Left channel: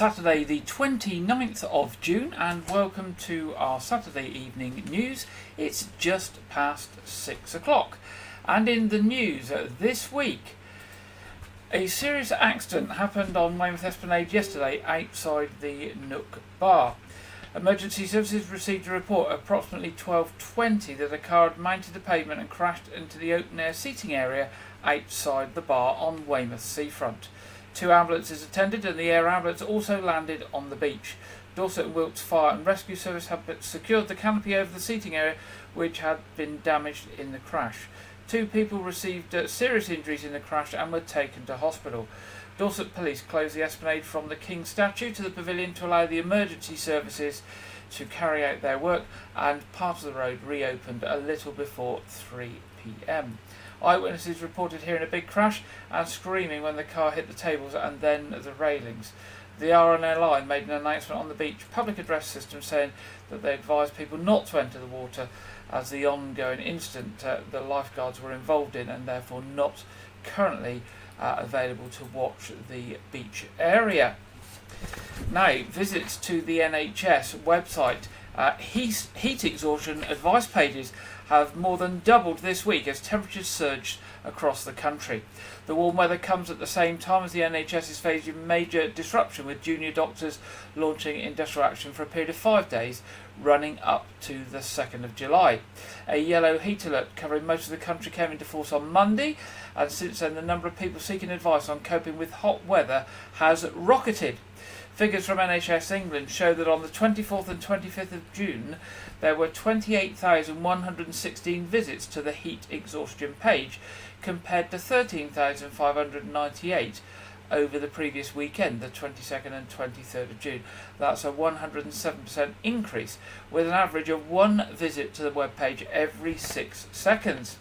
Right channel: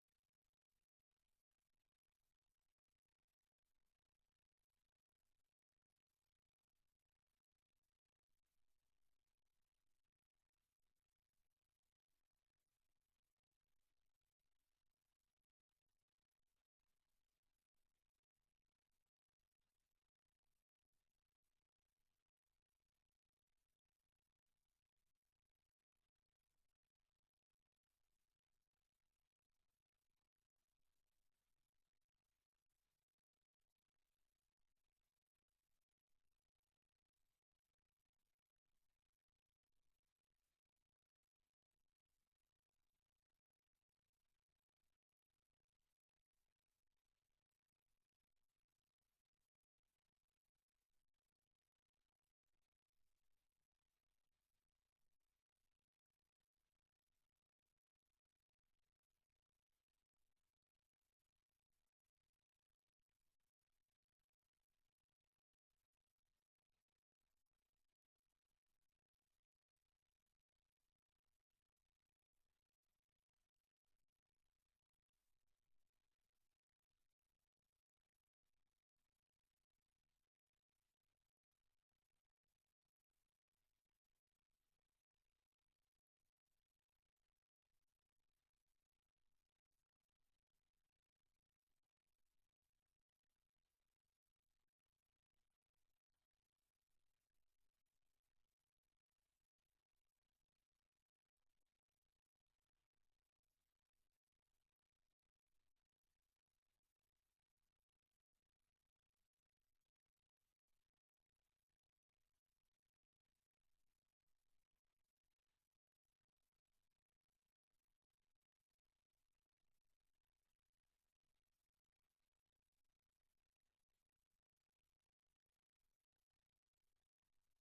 Saturday the 29th of June, and welcome to our Saturday evening news. It's just past 6 o'clock, and in the news this week, a serious accident happened on Weymouth Esplanade yesterday outside the Nook Bar. Emergency services received a report at approximately 12:20 that a car had mounted the pavement and crashed into the open air seating area outside the bar on Weymouth seafront. 2 ambulances attended, and the air ambulance also landed on the beach. Dorset and Wilts Fire and Rescue Service have secured the canopy over the seating area, which had been damaged in the crash. 2 people received serious injuries in the crash and were taken to hospital. Dorset Police closed the Esplanade from the King statue to the pavilion to allow the emergency services to carry out their work, and part of the road reopened a little before 3 p.m. Eyewitnesses reported hearing a big crash and screaming when the car hit the tables and then the railings. The RNL line made an announcement on the beach public address system saying that they advised people not to enter the water as the ongoing incident the lifeguards were involved in, and therefore not currently available to watch the beach area. Now, visits to the NHS website, heat exhaustion advice pages have more than doubled this week as temperatures surged across the country. The warm weather comes at the same time as the NHS is facing major disruption, with junior doctors launching industrial action for a period of 5 days running up to the 2nd of July. A yellow heat alert covering most of the country came into force on Monday, and since then the number of people seeking advice on coping with hot weather has rocketed. Figures from NHS England show that on the 24th and 25th of June there were 28,116 visits to the heat exhaustion page, compared to 13,598 over the previous weekend, the 22nd and 23rd of June. That's a 107% increase, with an average of 1 visit to the webpage every 6 seconds.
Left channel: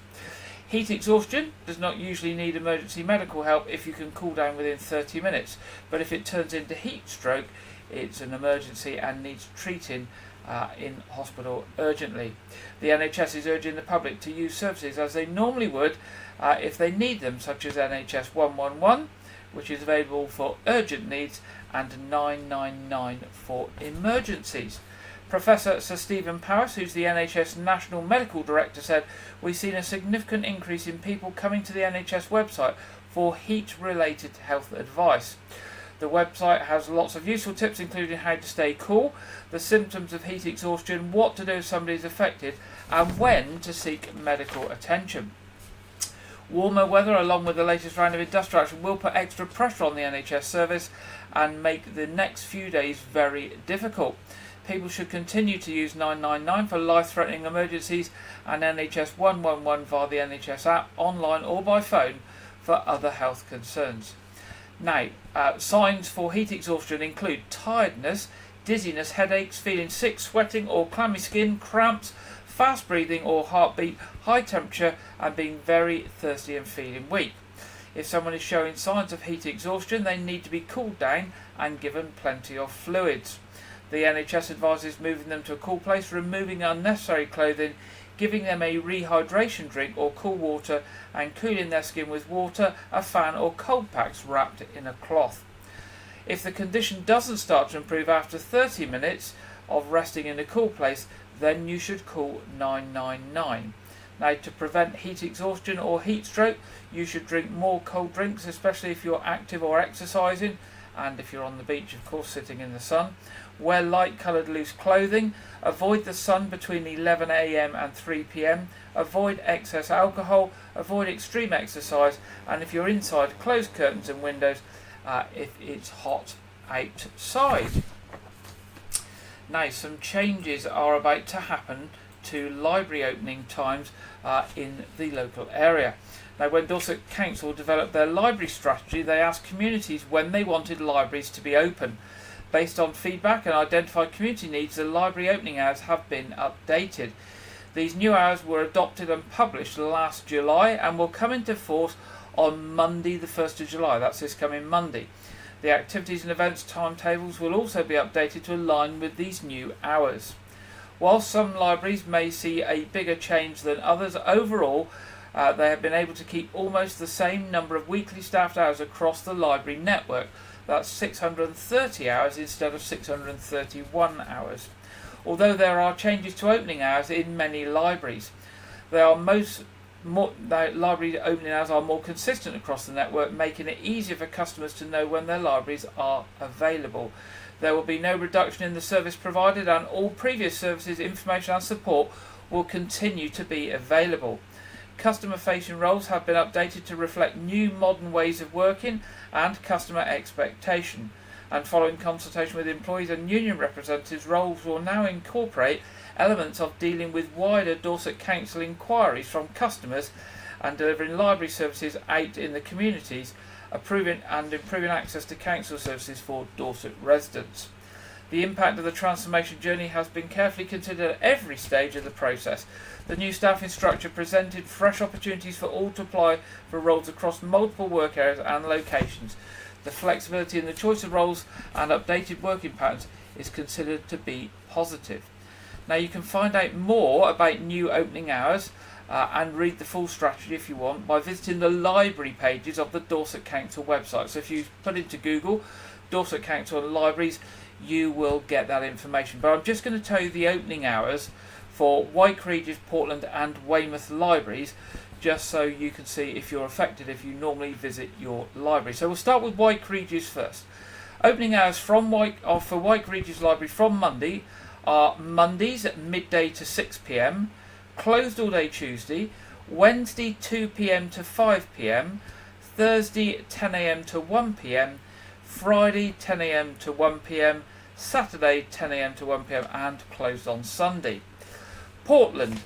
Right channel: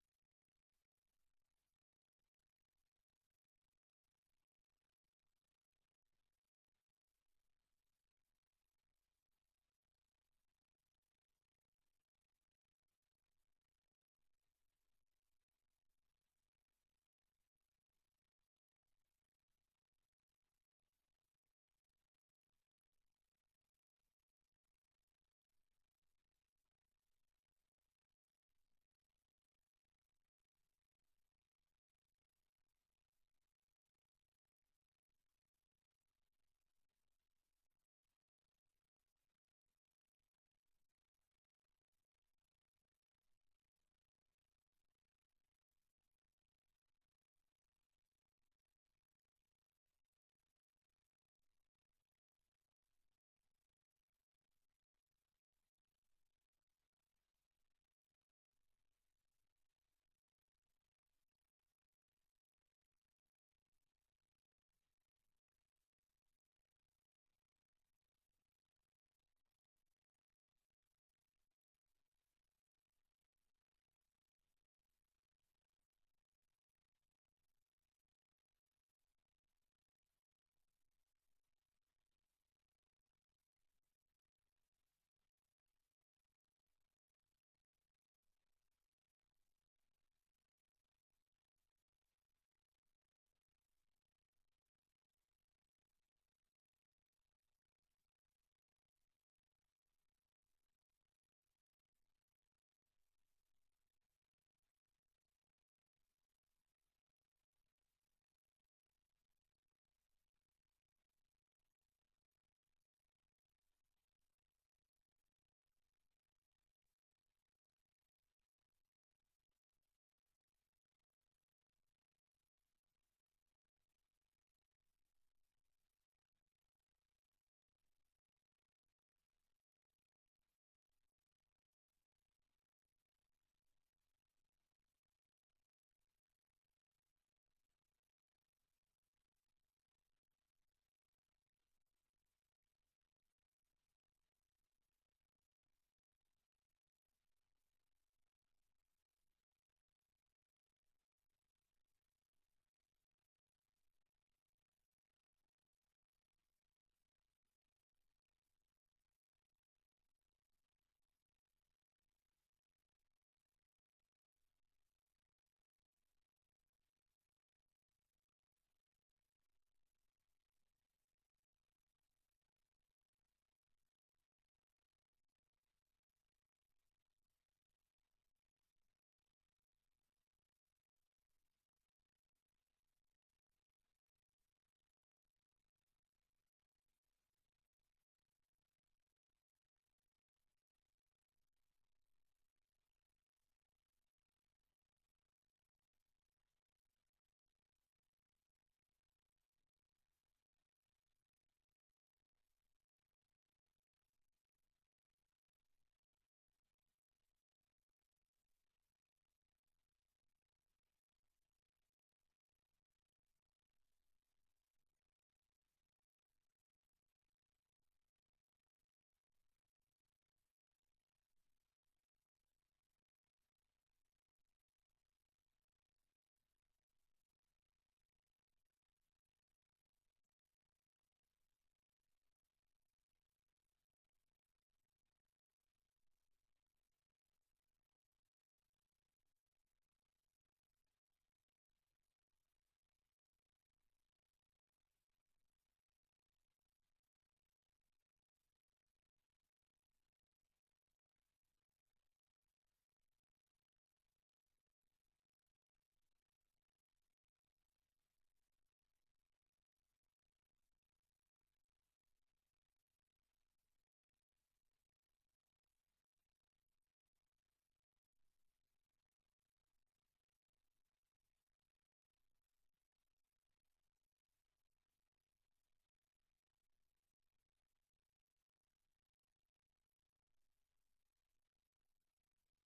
Heat exhaustion does not usually need emergency medical help if you can cool down within 30 minutes, but if it turns into heat stroke, it's an emergency and needs treating in hospital urgently. The NHS is urging the public to use services as they normally would if they need them, such as NHS 111, which is available for urgent needs, and 999 for emergencies. Professor Sir Stephen Powis, who's the NHS National Medical Director, said, "We've seen a significant increase in people coming to the NHS website for heat-related health advice. The website has lots of useful tips, including how to stay cool, the symptoms of heat exhaustion, what to do if somebody is affected, and when to seek medical attention." Warmer weather, along with the latest round of industrial action, will put extra pressure on the NHS service and make the next few days very difficult. People should continue to use 999 for life-threatening emergencies and NHS 111 via the NHS app, online or by phone, for other health concerns. Now, signs for heat exhaustion include tiredness, dizziness, headaches, feeling sick, sweating or clammy skin, cramps, fast breathing or heartbeat, high temperature, and being very thirsty and feeling weak. If someone is showing signs of heat exhaustion, they need to be cooled down and given plenty of fluids. The NHS advises moving them to a cool place, removing unnecessary clothing, giving them a rehydration drink or cool water, and cooling their skin with water, a fan or cold packs wrapped in a cloth. If the condition doesn't start to improve after 30 minutes of resting in a cool place, then you should call 999. Now, to prevent heat exhaustion or heat stroke, you should drink more cold drinks, especially if you're active or exercising, and if you're on the beach, of course, sitting in the sun. Wear light-coloured loose clothing. Avoid the sun between 11 a.m. and 3 p.m. Avoid excess alcohol. Avoid extreme exercise. And if you're inside, close curtains and windows if it's hot outside. Now, some changes are about to happen to library opening times in the local area. Now, when Dorset Council developed their library strategy, they asked communities when they wanted libraries to be open. Based on feedback and identified community needs, the library opening hours have been updated. These new hours were adopted and published last July and will come into force on Monday the 1st of July. That's this coming Monday. The activities and events timetables will also be updated to align with these new hours. While some libraries may see a bigger change than others, overall they have been able to keep almost the same number of weekly staffed hours across the library network. That's 630 hours instead of 631 hours. Although there are changes to opening hours in many libraries, library opening hours are more consistent across the network, making it easier for customers to know when their libraries are available. There will be no reduction in the service provided, and all previous services, information and support will continue to be available. Customer-facing roles have been updated to reflect new modern ways of working and customer expectation. And following consultation with employees and union representatives, roles will now incorporate elements of dealing with wider Dorset Council inquiries from customers and delivering library services out in the communities, improving access to council services for Dorset residents. The impact of the transformation journey has been carefully considered at every stage of the process. The new staffing structure presented fresh opportunities for all to apply for roles across multiple work areas and locations. The flexibility in the choice of roles and updated working patterns is considered to be positive. Now you can find out more about new opening hours and read the full strategy if you want by visiting the library pages of the Dorset Council website. So if you put into Google Dorset Council and libraries, you will get that information. But I'm just going to tell you the opening hours for Wyke, Regis, Portland and Weymouth libraries, just so you can see if you're affected if you normally visit your library. So we'll start with Wyke Regis first. Opening hours for Wyke Regis Library from Monday are Mondays at midday to 6 p.m, closed all day Tuesday, Wednesday 2 p.m. to 5 p.m, Thursday 10 a.m. to 1 p.m, Friday 10 a.m. to 1 p.m, Saturday 10 a.m. to 1 p.m, and closed on Sunday. Portland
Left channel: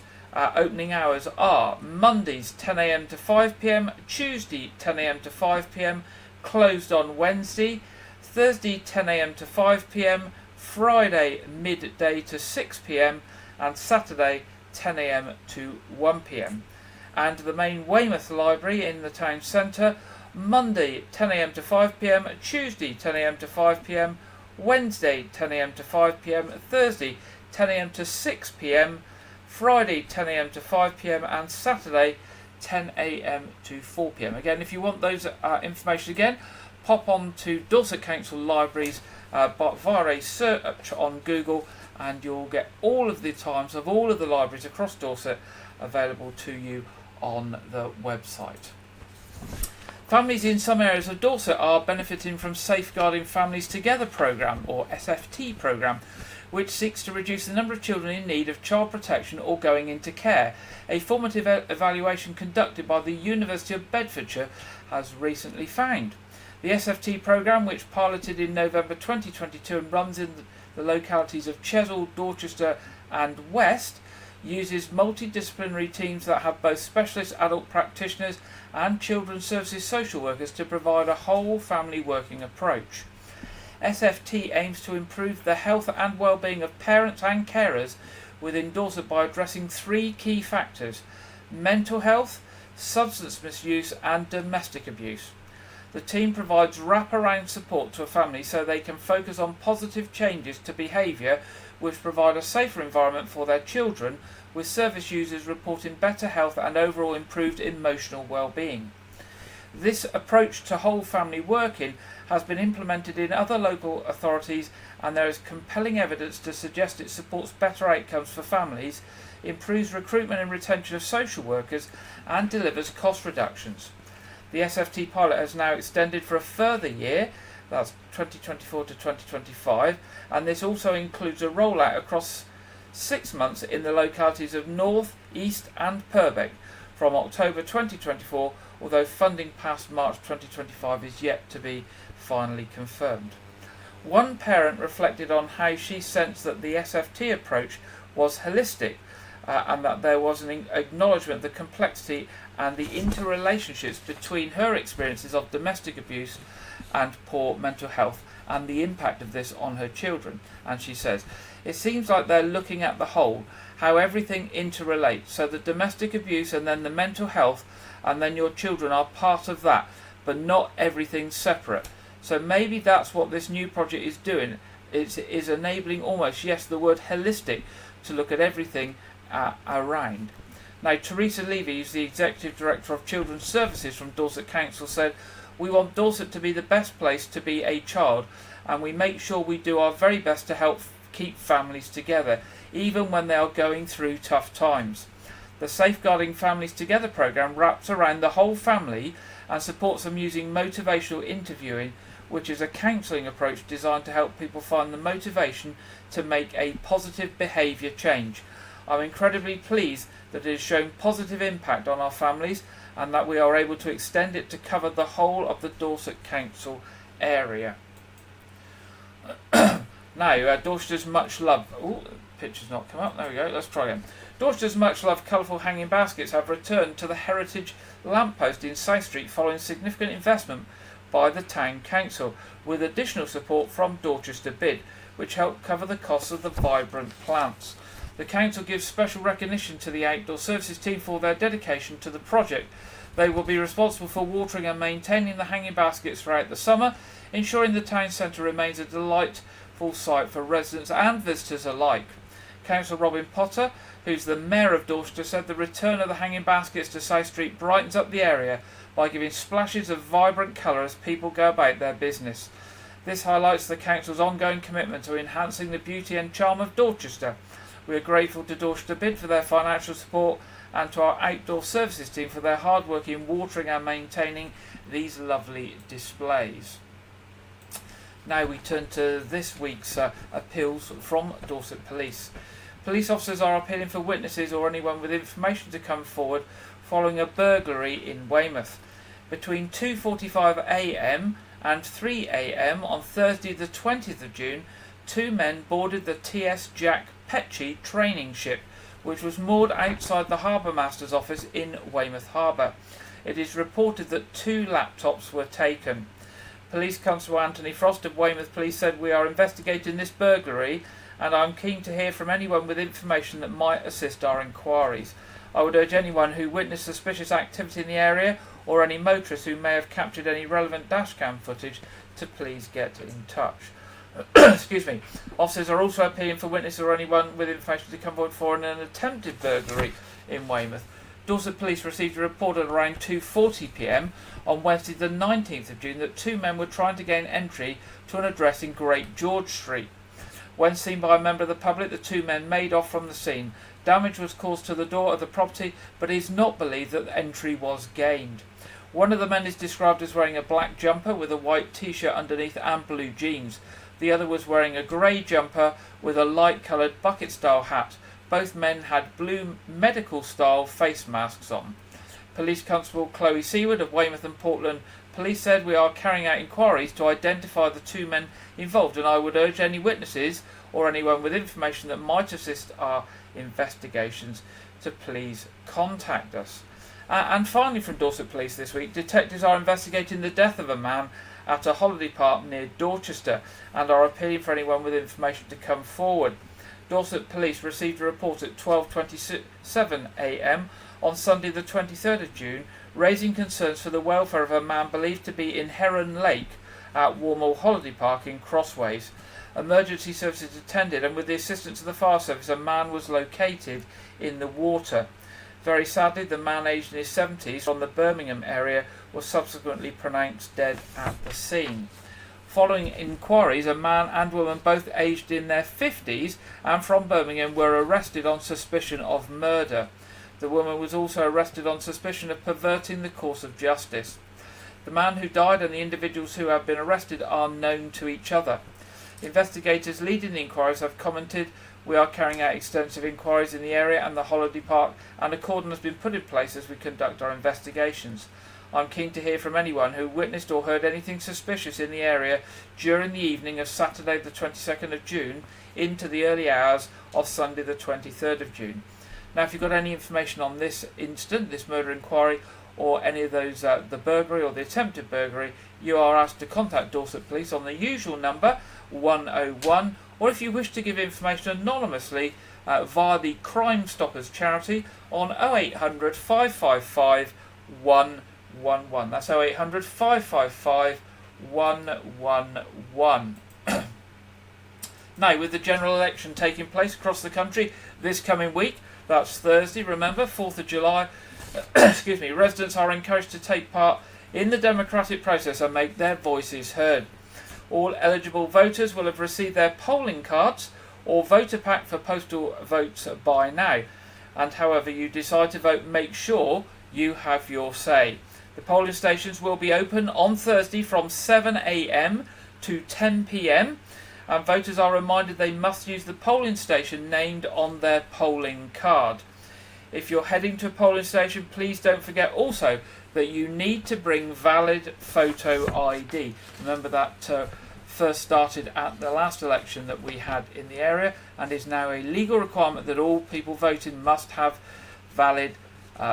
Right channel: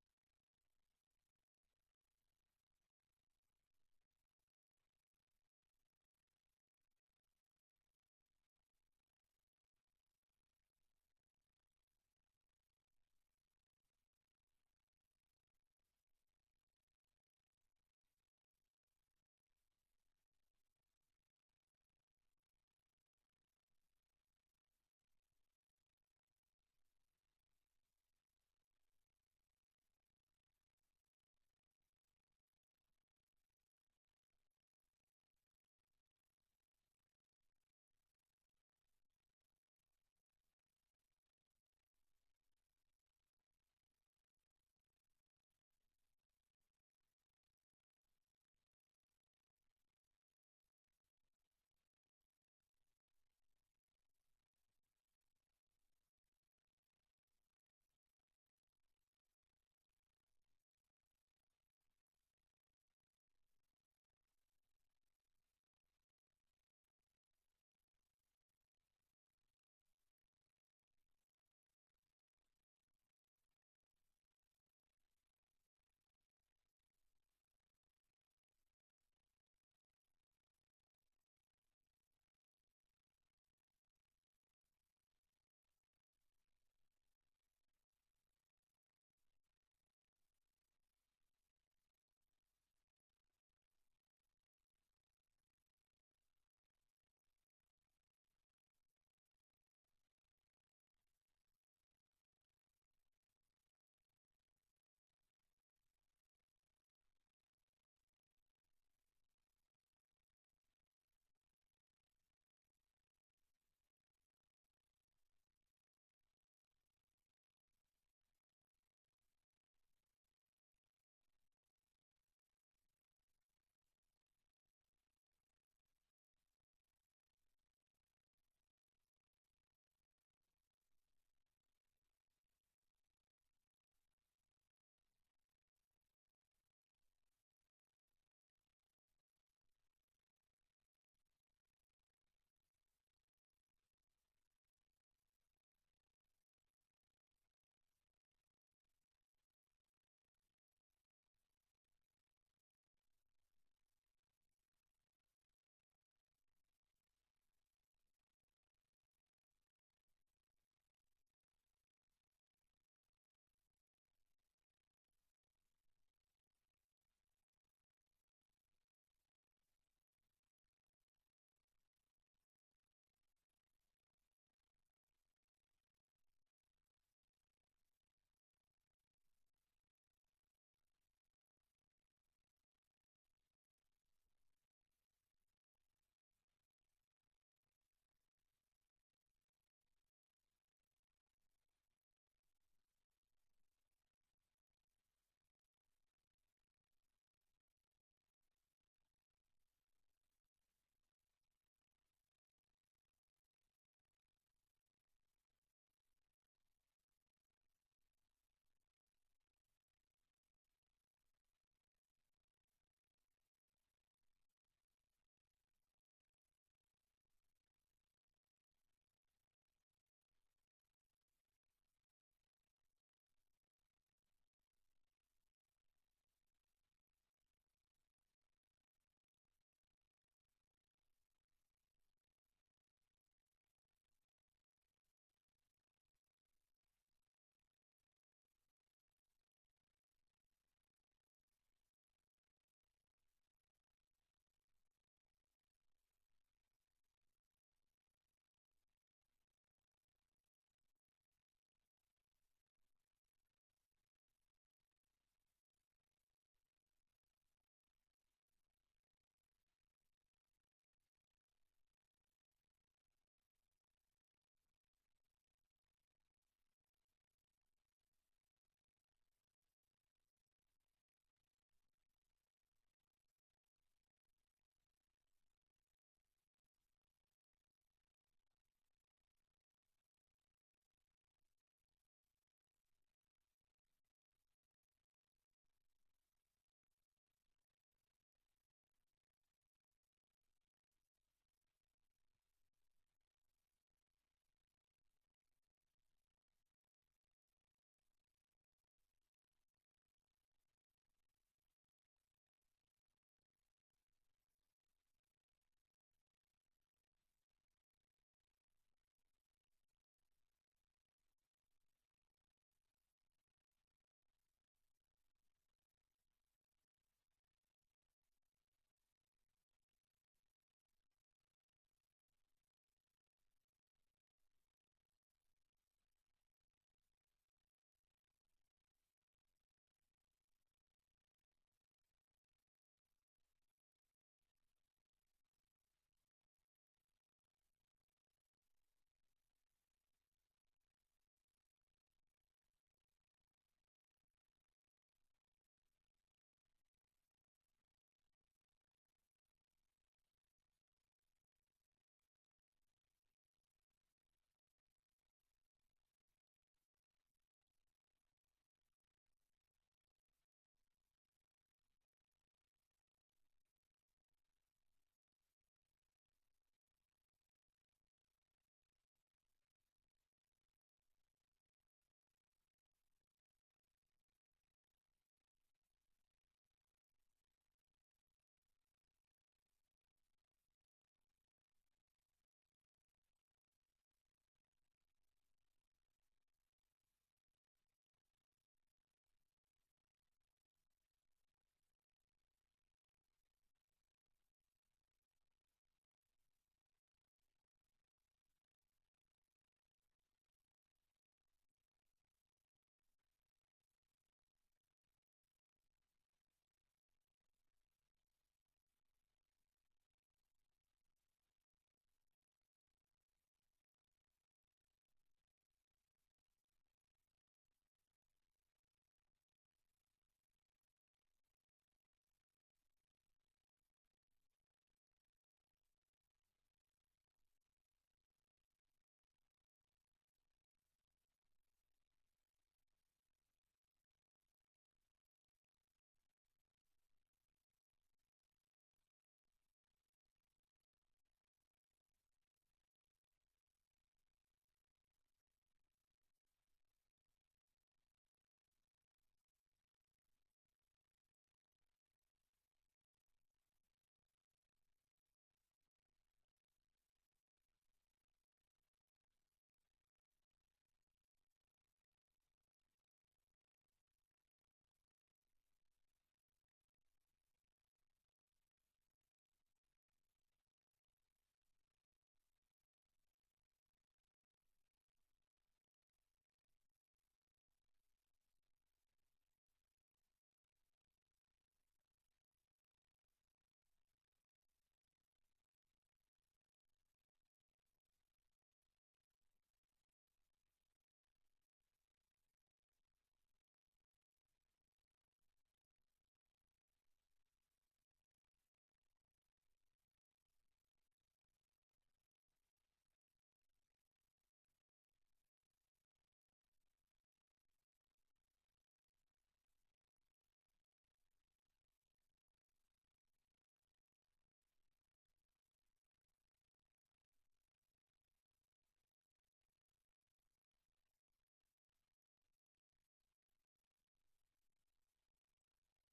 opening hours are Mondays 10 a.m. to 5 p.m, Tuesday 10 a.m. to 5 p.m, closed on Wednesday, Thursday 10 a.m. to 5 p.m, Friday midday to 6 p.m, and Saturday 10 a.m. to 1 p.m. And the main Weymouth Library in the town centre, Monday 10 a.m. to 5 p.m, Tuesday 10 a.m. to 5 p.m, Wednesday 10 a.m. to 5 p.m, Thursday 10 a.m. to 6 p.m, Friday 10 a.m. to 5 p.m, and Saturday 10 a.m. to 4 p.m. Again, if you want those information again, pop on to Dorset Council Libraries via a search on Google, and you'll get all of the times of all of the libraries across Dorset available to you on the website. Families in some areas of Dorset are benefiting from Safeguarding Families Together programme, or SFT programme, which seeks to reduce the number of children in need of child protection or going into care. A formative evaluation conducted by the University of Bedfordshire has recently found. The SFT programme, which piloted in November 2022 and runs in the localities of Chesil, Dorchester and West, uses multidisciplinary teams that have both specialist adult practitioners and children's services social workers to provide a whole family working approach. SFT aims to improve the health and well-being of parents and carers within Dorset by addressing three key factors: mental health, substance misuse and domestic abuse. The team provides wraparound support to a family so they can focus on positive changes to behaviour which provide a safer environment for their children, with service users reporting better health and overall improved emotional well-being. This approach to whole family working has been implemented in other local authorities, and there is compelling evidence to suggest it supports better outcomes for families, improves recruitment and retention of social workers, and delivers cost reductions. The SFT pilot has now extended for a further year, that's 2024 to 2025, and this also includes a rollout across 6 months in the localities of North, East and Purbeck from October 2024, although funding past March 2025 is yet to be finally confirmed. One parent reflected on how she sensed that the SFT approach was holistic and that there was an acknowledgement of the complexity and the interrelationships between her experiences of domestic abuse and poor mental health and the impact of this on her children. And she says, it seems like they're looking at the whole, how everything interrelates, so the domestic abuse and then the mental health and then your children are part of that, but not everything separate. So maybe that's what this new project is doing. It is enabling almost, yes, the word holistic, to look at everything around. Now, Teresa Levy, who's the Executive Director of Children's Services from Dorset Council, said, We want Dorset to be the best place to be a child, and we make sure we do our very best to help keep families together, even when they are going through tough times. The Safeguarding Families Together programme wraps around the whole family and supports them using motivational interviewing, which is a counselling approach designed to help people find the motivation to make a positive behaviour change. I'm incredibly pleased that it has shown positive impact on our families and that we are able to extend it to cover the whole of the Dorset Council area. Now, Dorset's much loved... Oh, the picture's not come up. There we go. Let's try again. Dorset's much loved colourful hanging baskets have returned to the heritage lamppost in South Street following significant investment by the Town Council, with additional support from Dorchester Bid, which helped cover the costs of the vibrant plants. The Council gives special recognition to the Outdoor Services team for their dedication to the project. They will be responsible for watering and maintaining the hanging baskets throughout the summer, ensuring the town centre remains a delightful site for residents and visitors alike. Councillor Robin Potter, who's the Mayor of Dorchester, said the return of the hanging baskets to South Street brightens up the area by giving splashes of vibrant colour as people go about their business. This highlights the Council's ongoing commitment to enhancing the beauty and charm of Dorchester. We are grateful to Dorchester Bid for their financial support and to our Outdoor Services team for their hard work in watering and maintaining these lovely displays. Now we turn to this week's appeals from Dorset Police. Police officers are appealing for witnesses or anyone with information to come forward following a burglary in Weymouth. Between 2:45 a.m. and 3 a.m. on Thursday the 20th of June, two men boarded the TS Jack Petchey training ship, which was moored outside the Harbour Master's office in Weymouth Harbour. It is reported that 2 laptops were taken. Police Constable Anthony Frost of Weymouth Police said, "We are investigating this burglary and I'm keen to hear from anyone with information that might assist our inquiries. I would urge anyone who witnessed suspicious activity in the area or any motorists who may have captured any relevant dashcam footage to please get in touch." Excuse me. Officers are also appealing for witnesses or anyone with information to come forward for an attempted burglary in Weymouth. Dorset Police received a report at around 2:40 p.m. on Wednesday the 19th of June that 2 men were trying to gain entry to an address in Great George Street. When seen by a member of the public, the 2 men made off from the scene. Damage was caused to the door of the property, but it is not believed that entry was gained. One of the men is described as wearing a black jumper with a white t-shirt underneath and blue jeans. The other was wearing a grey jumper with a light-coloured bucket-style hat. Both men had blue medical-style face masks on. Police Constable Chloe Seward of Weymouth and Portland Police said, "We are carrying out inquiries to identify the 2 men involved, and I would urge any witnesses or anyone with information that might assist our investigations to please contact us." And finally from Dorset Police this week, detectives are investigating the death of a man at a holiday park near Dorchester and are appealing for anyone with information to come forward. Dorset Police received a report at 12:27 a.m. on Sunday the 23rd of June, raising concerns for the welfare of a man believed to be in Heron Lake at Warmall Holiday Park in Crossways. Emergency services attended, and with the assistance of the fire service, a man was located in the water. Very sadly, the man, aged in his 70s, from the Birmingham area, was subsequently pronounced dead at the scene. Following inquiries, a man and woman, both aged in their 50s and from Birmingham, were arrested on suspicion of murder. The woman was also arrested on suspicion of perverting the course of justice. The man who died and the individuals who have been arrested are known to each other. Investigators leading the inquiries have commented, "We are carrying out extensive inquiries in the area and the holiday park, and a cordon has been put in place as we conduct our investigations. I'm keen to hear from anyone who witnessed or heard anything suspicious in the area during the evening of Saturday the 22nd of June into the early hours of Sunday the 23rd of June. Now, if you've got any information on this incident, this murder inquiry, or any of those, the burglary or the attempted burglary, you are asked to contact Dorset Police on the usual number 101, or if you wish to give information anonymously via the Crime Stoppers charity on 0800 555 111. That's 0800 555 111. Now, with the general election taking place across the country this coming week, that's Thursday, remember, 4th of July, excuse me, residents are encouraged to take part in the democratic process and make their voices heard. All eligible voters will have received their polling cards or voter pack for postal votes by now. And however you decide to vote, make sure you have your say. The polling stations will be open on Thursday from 7 a.m. to 10 p.m. and voters are reminded they must use the polling station named on their polling card. If you're heading to a polling station, please don't forget also that you need to bring valid photo ID. Remember that first started at the last election that we had in the area and is now a legal requirement that all people voting must have valid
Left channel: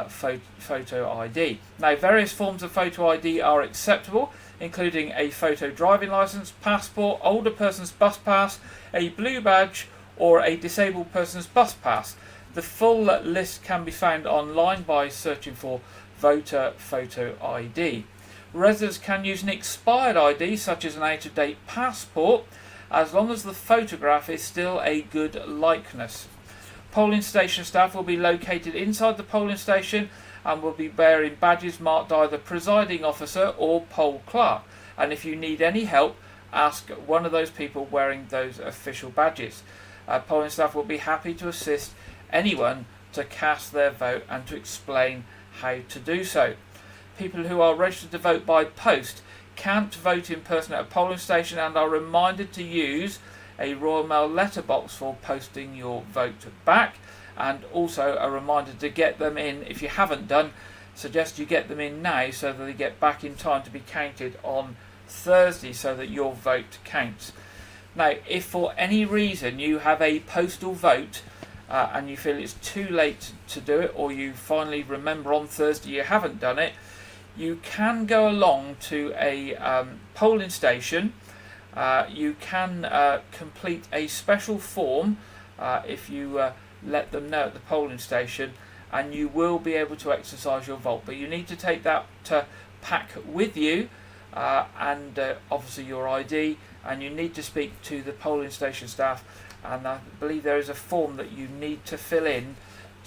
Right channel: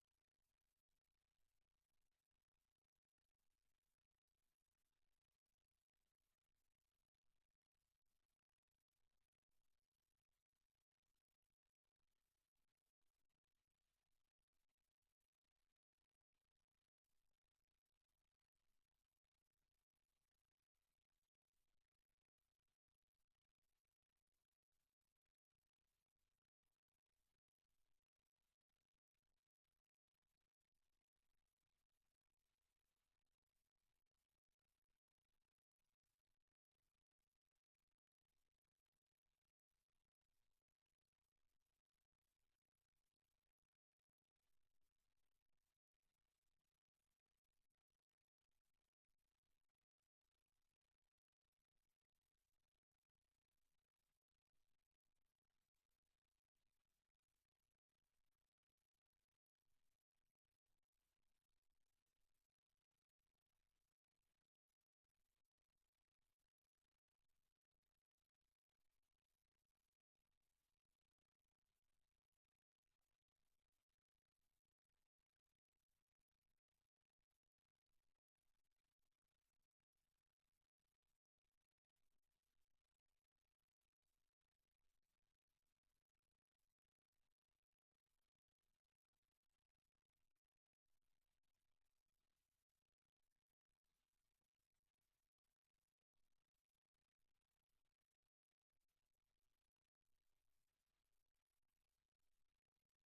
photo ID. Now, various forms of photo ID are acceptable, including a photo driving licence, passport, older person's bus pass, a blue badge or a disabled person's bus pass. The full list can be found online by searching for voter photo ID. Residents can use an expired ID such as an out-of-date passport as long as the photograph is still a good likeness. Polling station staff will be located inside the polling station and will be wearing badges marked either presiding officer or poll clerk. And if you need any help, ask one of those people wearing those official badges. Polling staff will be happy to assist anyone to cast their vote and to explain how to do so. People who are registered to vote by post can't vote in person at a polling station and are reminded to use a Royal Mail letterbox for posting your vote back, and also a reminder to get them in if you haven't done. Suggest you get them in now so that they get back in time to be counted on Thursday so that your vote counts. Now, if for any reason you have a postal vote and you feel it's too late to do it, or you finally remember on Thursday you haven't done it, you can go along to a polling station. You can complete a special form if you let them know at the polling station, and you will be able to exercise your vote. But you need to take that pack with you and obviously your ID, and you need to speak to the polling station staff, and I believe there is a form that you need to fill in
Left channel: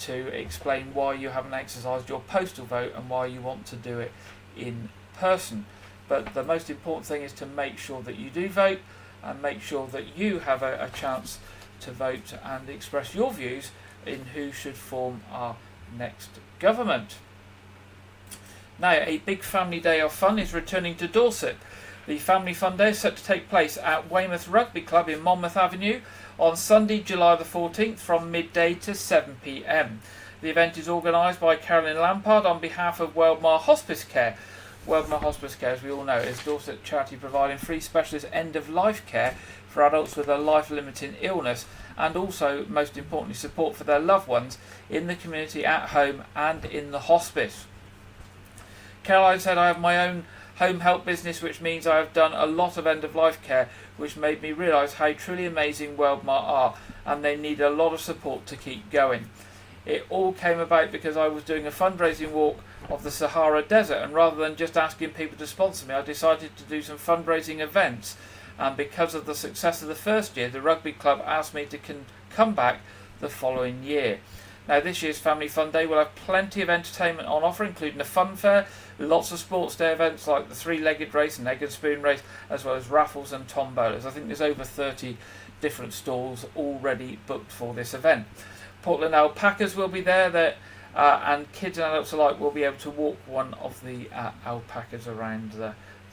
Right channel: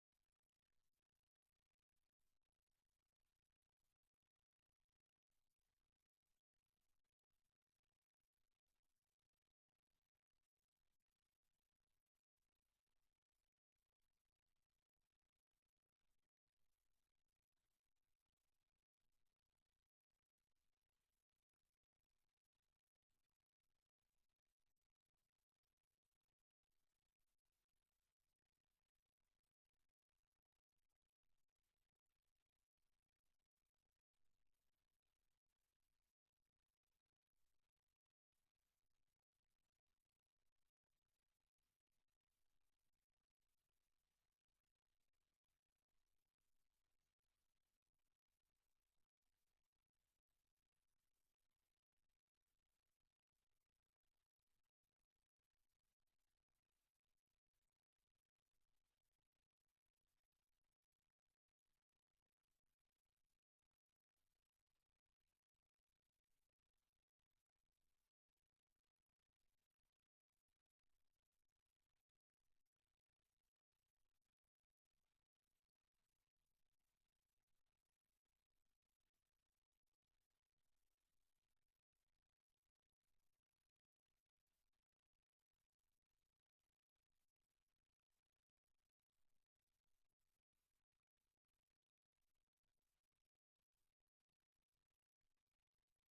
to explain why you haven't exercised your postal vote and why you want to do it in person. But the most important thing is to make sure that you do vote and make sure that you have a chance to vote and express your views in who should form our next government. Now, a big family day of fun is returning to Dorset. The Family Fun Day is set to take place at Weymouth Rugby Club in Monmouth Avenue on Sunday, July the 14th from midday to 7 p.m. The event is organised by Carolyn Lampard on behalf of Weldmar Hospice Care. Weldmar Hospice Care, as we all know, is Dorset charity providing free specialist end-of-life care for adults with a life-limiting illness, and also, most importantly, support for their loved ones in the community, at home and in the hospice. Caroline said, "I have my own home help business, which means I have done a lot of end-of-life care, which made me realise how truly amazing Weldmar are, and they need a lot of support to keep going. It all came about because I was doing a fundraising walk of the Sahara Desert, and rather than just asking people to sponsor me, I decided to do some fundraising events, and because of the success of the first year, the rugby club asked me to come back the following year." Now, this year's Family Fun Day will have plenty of entertainment on offer, including a fun fair, lots of sports day events like the three-legged race and egg and spoon race, as well as raffles and tombolas. I think there's over 30 different stalls already booked for this event. Portland alpacas will be there, and kids and adults alike will be able to walk one of the alpacas around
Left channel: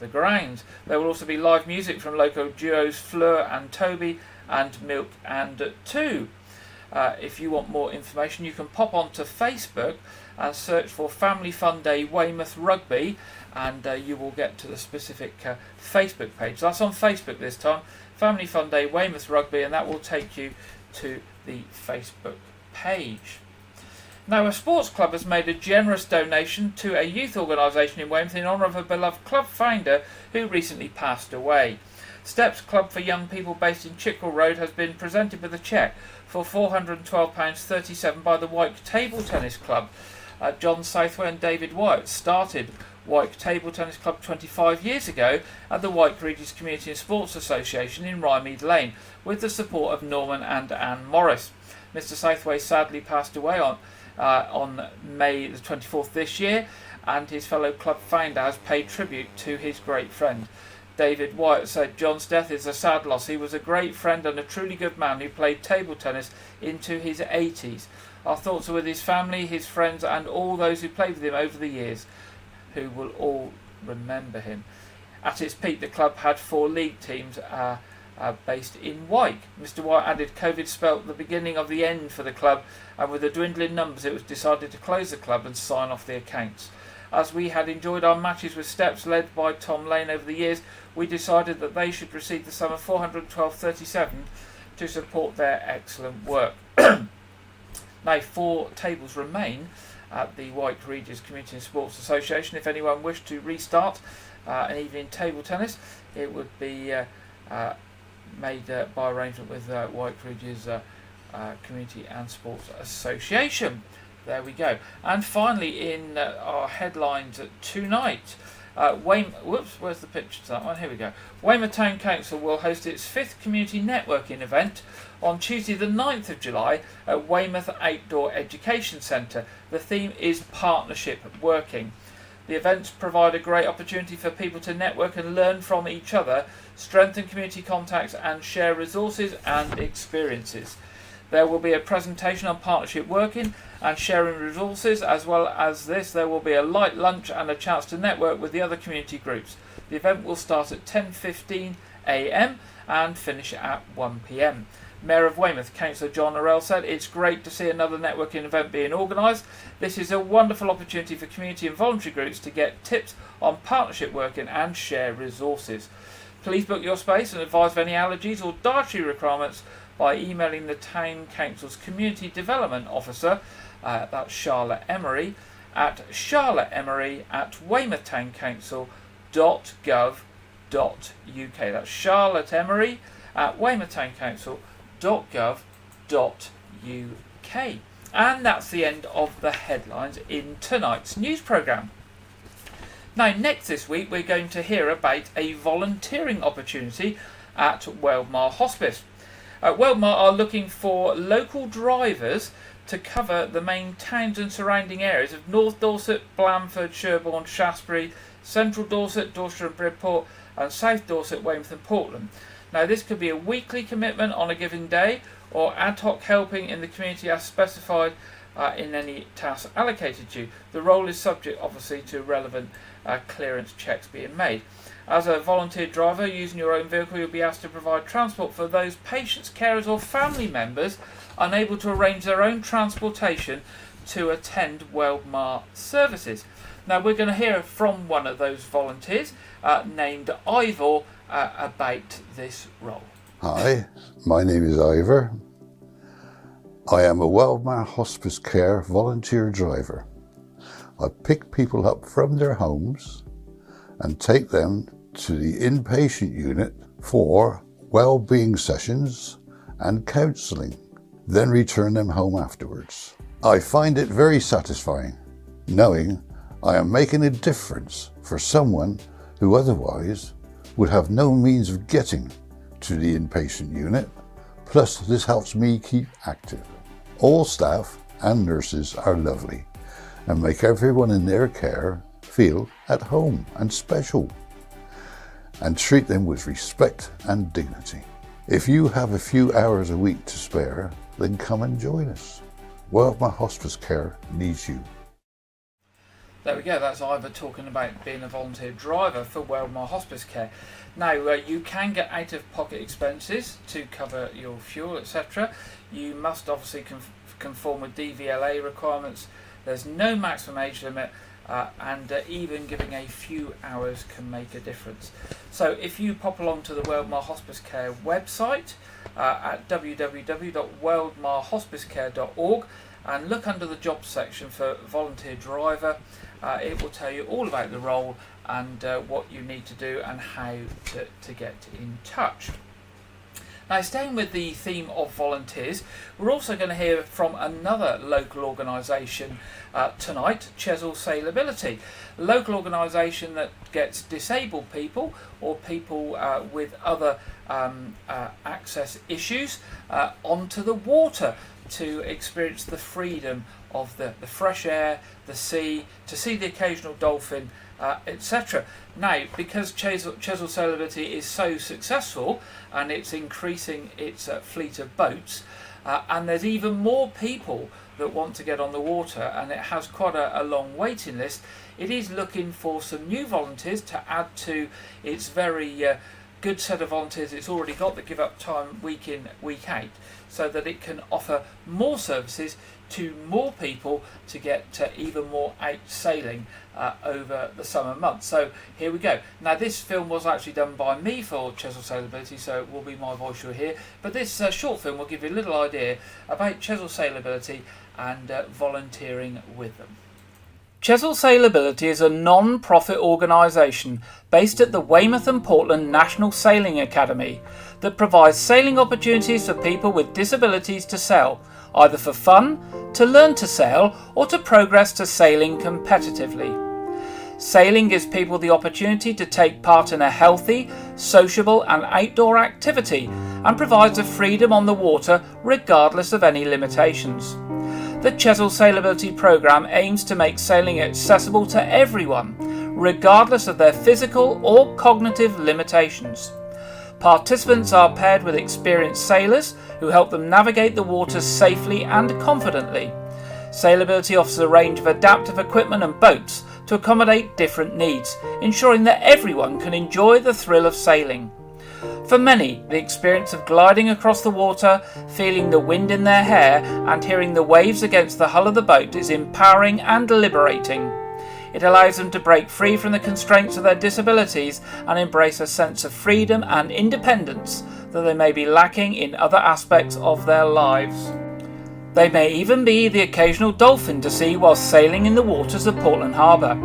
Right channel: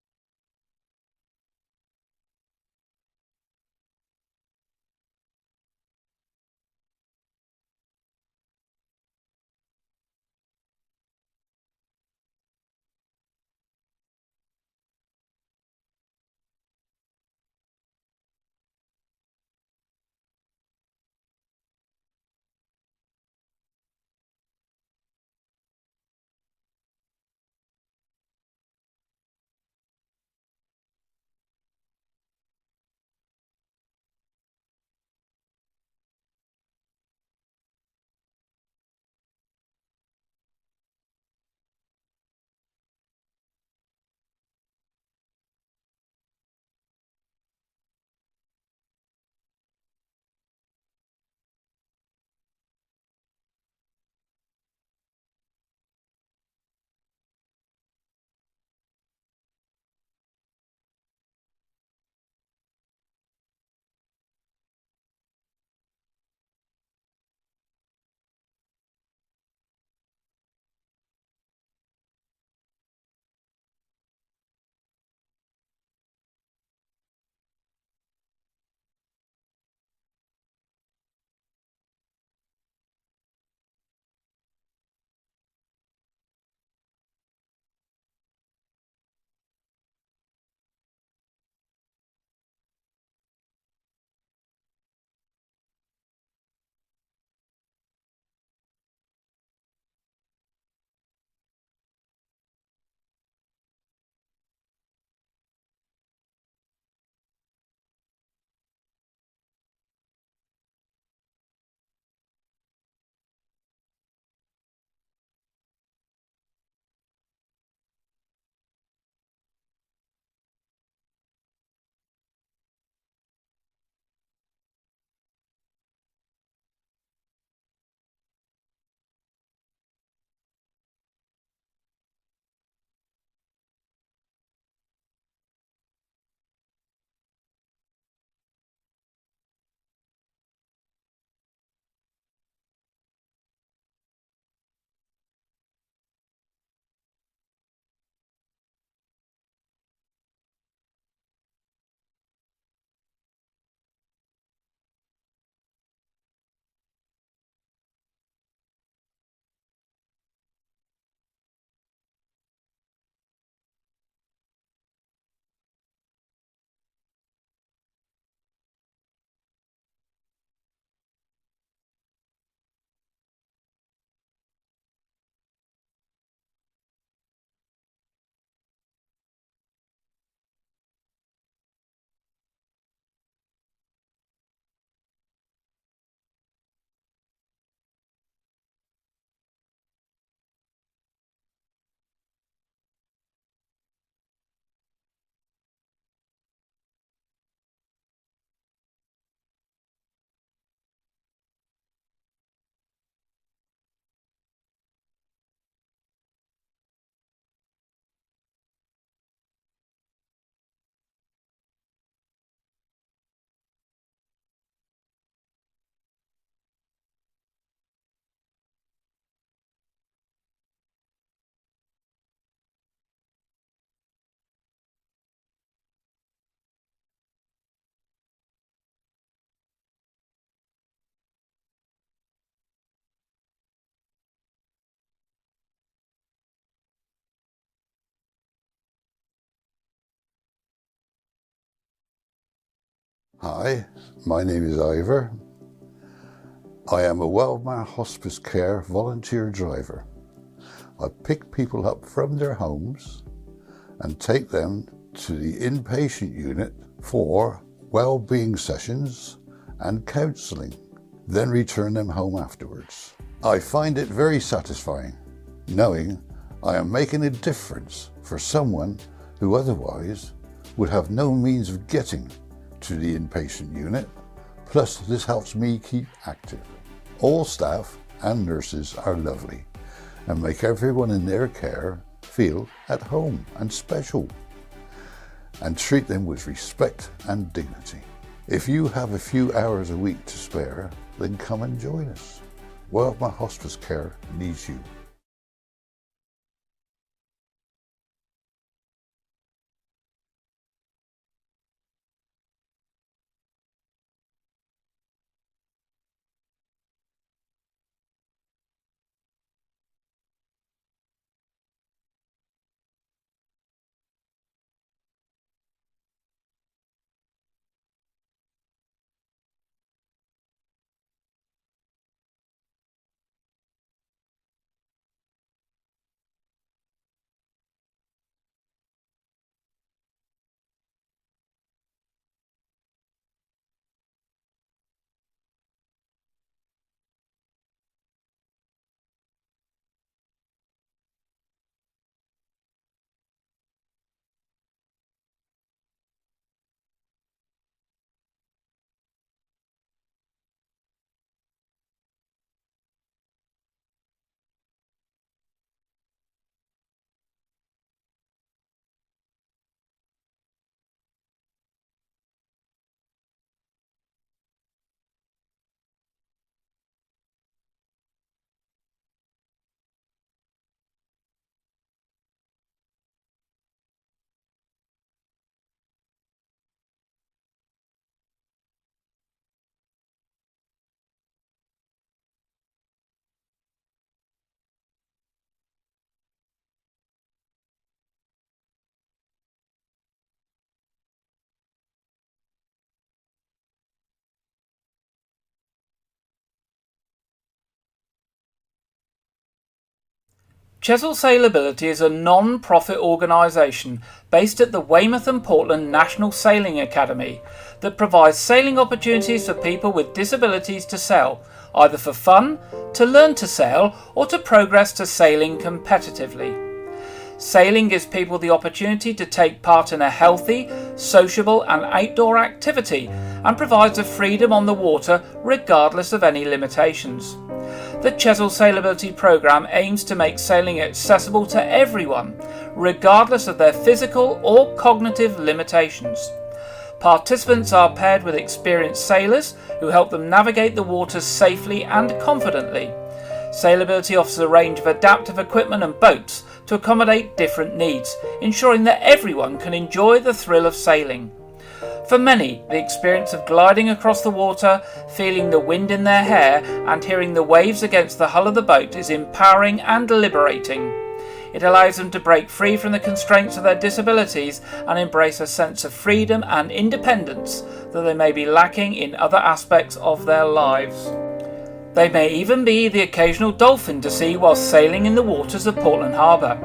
the grounds. There will also be live music from local duos Fleur and Toby and Milk and Two. If you want more information, you can pop onto Facebook and search for Family Fun Day Weymouth Rugby, and you will get to the specific Facebook page. That's on Facebook this time, Family Fun Day Weymouth Rugby, and that will take you to the Facebook page. Now, a sports club has made a generous donation to a youth organisation in Weymouth in honour of a beloved club founder who recently passed away. Steps Club for Young People, based in Chickwell Road, has been presented with a cheque for £412.37 by the Wyke Table Tennis Club. John Southway and David Wyke started Wyke Table Tennis Club 25 years ago at the Wyke Regis Community and Sports Association in Rymead Lane, with the support of Norman and Anne Morris. Mr Southway sadly passed away on May the 24th this year, and his fellow club founder has paid tribute to his great friend. David Wyke said, "John's death is a sad loss. He was a great friend and a truly good man who played table tennis into his 80s. Our thoughts are with his family, his friends and all those who played with him over the years, who will all remember him." At its peak, the club had 4 league teams based in Wyke. Mr. Wyke added, "COVID spelt the beginning of the end for the club, and with the dwindling numbers it was decided to close the club and sign off the accounts. As we had enjoyed our matches with Steps led by Tom Lane over the years, we decided that they should receive the sum of £412.37 to support their excellent work." Now, 4 tables remain at the Wyke Regis Community and Sports Association. If anyone wished to restart an evening table tennis, it would be made by arrangement with Wyke Regis Community and Sports Association. There we go. And finally, in our headlines tonight, where's the picture to that one? Here we go. Weymouth Town Council will host its 5th community networking event on Tuesday the 9th of July at Weymouth Outdoor Education Centre. The theme is Partnership Working. The events provide a great opportunity for people to network and learn from each other, strengthen community contacts and share resources and experiences. There will be a presentation on partnership working and sharing resources. As well as this, there will be a light lunch and a chance to network with the other community groups. The event will start at 10:15 a.m. and finish at 1 p.m. Mayor of Weymouth, Councillor John Orell, said, "It's great to see another networking event being organised. This is a wonderful opportunity for community and voluntary groups to get tips on partnership working and share resources. Please book your space and advise of any allergies or dietary requirements by emailing the Town Council's Community Development Officer, that's Charlotte Emery, at charlotte.emery@weymouthtowncouncil.gov.uk. That's Charlotte Emery at weymouthtowncouncil.gov.uk. And that's the end of the headlines in tonight's news programme. Now, next this week, we're going to hear about a volunteering opportunity at Weldmar Hospice. Weldmar are looking for local drivers to cover the main towns and surrounding areas of North Dorset, Blandford, Sherborne, Shaftesbury, Central Dorset, Dorset and Bridport, and South Dorset, Weymouth and Portland. Now, this could be a weekly commitment on a given day or ad hoc helping in the community as specified in any task allocated to you. The role is subject, obviously, to relevant clearance checks being made. As a volunteer driver using your own vehicle, you'll be asked to provide transport for those patients, carers or family members unable to arrange their own transportation to attend Weldmar services. Now, we're going to hear from one of those volunteers named Ivor about this role. Hi, my name is Ivor. I am a Weldmar Hospice Care volunteer driver. I pick people up from their homes and take them to the inpatient unit for well-being sessions and counselling, then return them home afterwards. I find it very satisfying knowing I am making a difference for someone who otherwise would have no means of getting to the inpatient unit, plus this helps me keep active. All staff and nurses are lovely and make everyone in their care feel at home and special, and treat them with respect and dignity. If you have a few hours a week to spare, then come and join us. Weldmar Hospice Care needs you. There we go, that's Ivor talking about being a volunteer driver for Weldmar Hospice Care. Now, you can get out-of-pocket expenses to cover your fuel, etc. You must obviously conform with DVLA requirements. There's no maximum age limit, and even giving a few hours can make a difference. So if you pop along to the Weldmar Hospice Care website at www.weldmarhospicecare.org and look under the jobs section for volunteer driver, it will tell you all about the role and what you need to do and how to get in touch. Now, staying with the theme of volunteers, we're also going to hear from another local organisation tonight, Chesil Sailability, a local organisation that gets disabled people or people with other access issues onto the water to experience the freedom of the fresh air, the sea, to see the occasional dolphin, etc. Now, because Chesil Sailability is so successful and it's increasing its fleet of boats, and there's even more people that want to get on the water, and it has quite a long waiting list, it is looking for some new volunteers to add to its very good set of volunteers it's already got that give up time week in, week out, so that it can offer more services to more people to get even more out sailing over the summer months. So here we go. Now, this film was actually done by me for Chesil Sailability, so it will be my voice you'll hear, but this short film will give you a little idea about Chesil Sailability and volunteering with them. Chesil Sailability is a non-profit organisation based at the Weymouth and Portland National Sailing Academy that provides sailing opportunities for people with disabilities to sail, either for fun, to learn to sail, or to progress to sailing competitively. Sailing gives people the opportunity to take part in a healthy, sociable and outdoor activity, and provides a freedom on the water regardless of any limitations. The Chesil Sailability programme aims to make sailing accessible to everyone, regardless of their physical or cognitive limitations. Participants are paired with experienced sailors who help them navigate the waters safely and confidently. Sailability offers a range of adaptive equipment and boats to accommodate different needs, ensuring that everyone can enjoy the thrill of sailing. For many, the experience of gliding across the water, feeling the wind in their hair and hearing the waves against the hull of the boat is empowering and liberating. It allows them to break free from the constraints of their disabilities and embrace a sense of freedom and independence that they may be lacking in other aspects of their lives. They may even be the occasional dolphin to see while sailing in the waters of Portland Harbour.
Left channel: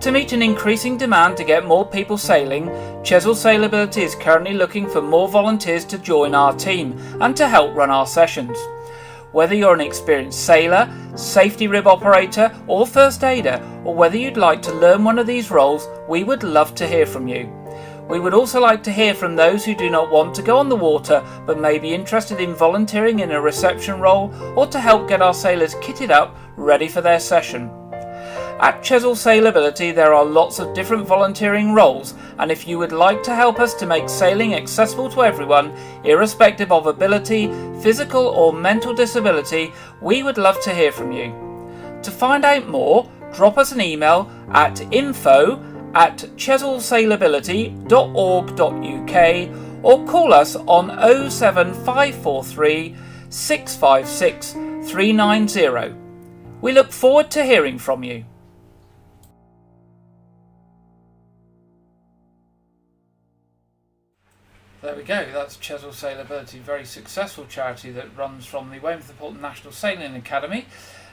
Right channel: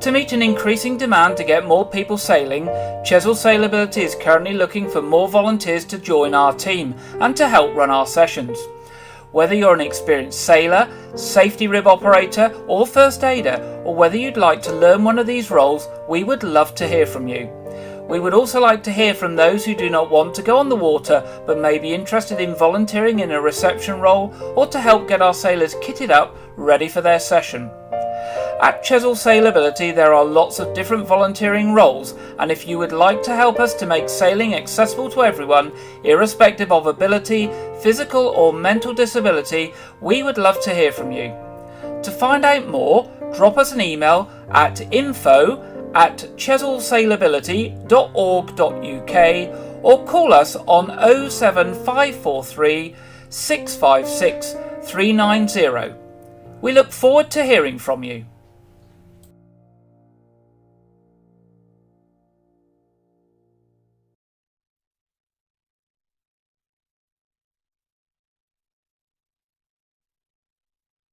To meet an increasing demand to get more people sailing, Chesil Sailability is currently looking for more volunteers to join our team and to help run our sessions. Whether you're an experienced sailor, safety rib operator or first aider, or whether you'd like to learn one of these roles, we would love to hear from you. We would also like to hear from those who do not want to go on the water but may be interested in volunteering in a reception role or to help get our sailors kitted up ready for their session. At Chesil Sailability there are lots of different volunteering roles, and if you would like to help us to make sailing accessible to everyone, irrespective of ability, physical or mental disability, we would love to hear from you. To find out more, drop us an email at info@chesilsailability.org.uk or call us on 07543 656 390. We look forward to hearing from you. There we go, that's Chesil Sailability, very successful charity that runs from the Weymouth and Portland National Sailing Academy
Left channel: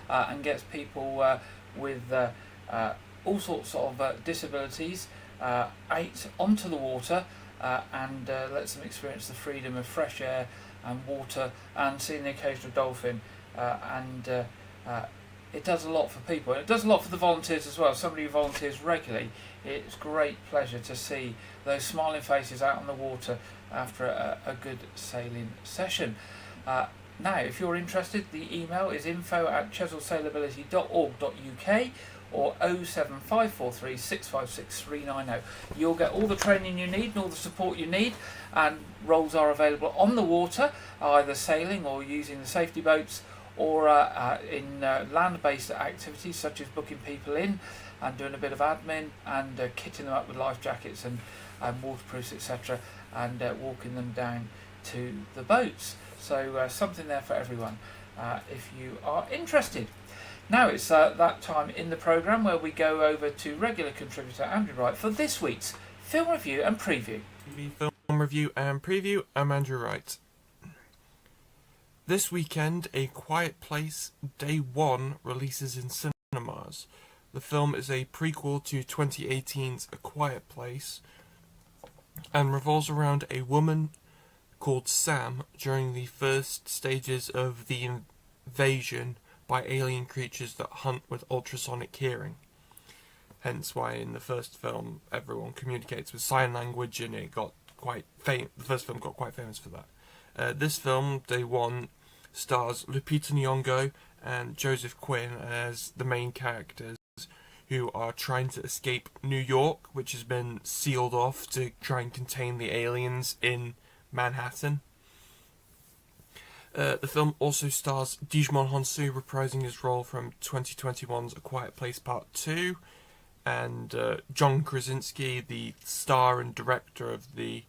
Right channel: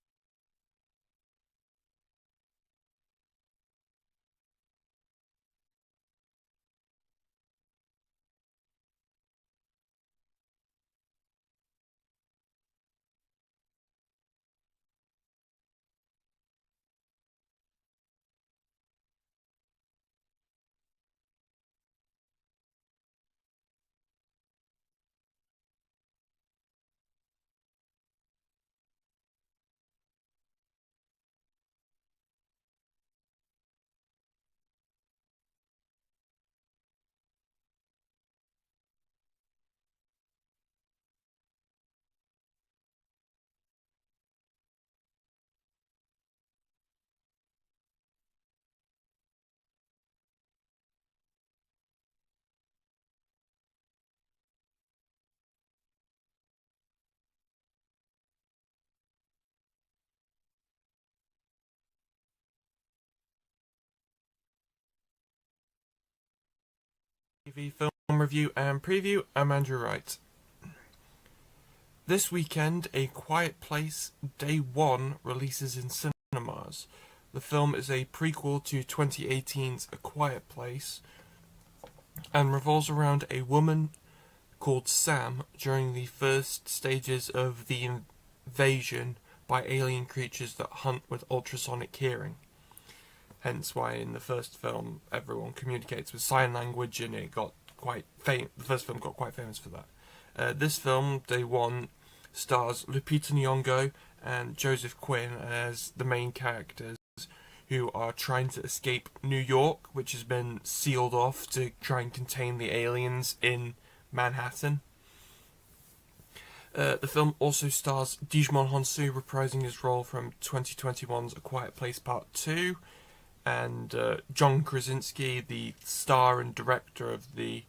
and gets people with all sorts of disabilities out onto the water and lets them experience the freedom of fresh air and water and seeing the occasional dolphin. It does a lot for people, and it does a lot for the volunteers as well. Somebody who volunteers regularly, it's great pleasure to see those smiling faces out on the water after a good sailing session. Now, if you're interested, the email is info@chesilsailability.org.uk or 07543 656 390. You'll get all the training you need and all the support you need, and roles are available on the water, either sailing or using the safety boats, or in land-based activities such as booking people in and doing a bit of admin and kitting them up with life jackets and waterproofs, etc., and walking them down to the boats. So something there for everyone if you are interested. Now it's that time in the programme where we go over to regular contributor Andrew Wright for this week's film review and preview. TV film review and preview. I'm Andrew Wright. This weekend, A Quiet Place Day 1 releases in cinemas. The film is a prequel to 2018's A Quiet Place and revolves around a woman called Sam during the first stages of the invasion by alien creatures that hunt with ultrasonic hearing. Hence why in the first film everyone communicates with sign language, and it got quite the first film got quite famous for that. This film, Day 1, stars Lupita Nyong'o and Joseph Quinn as the main characters who are trying to escape New York, which has been sealed off to try and contain the aliens in Manhattan. The film also stars Digimon Honsu reprising his role from 2021's A Quiet Place Part 2, and John Krasinski, the star and director of the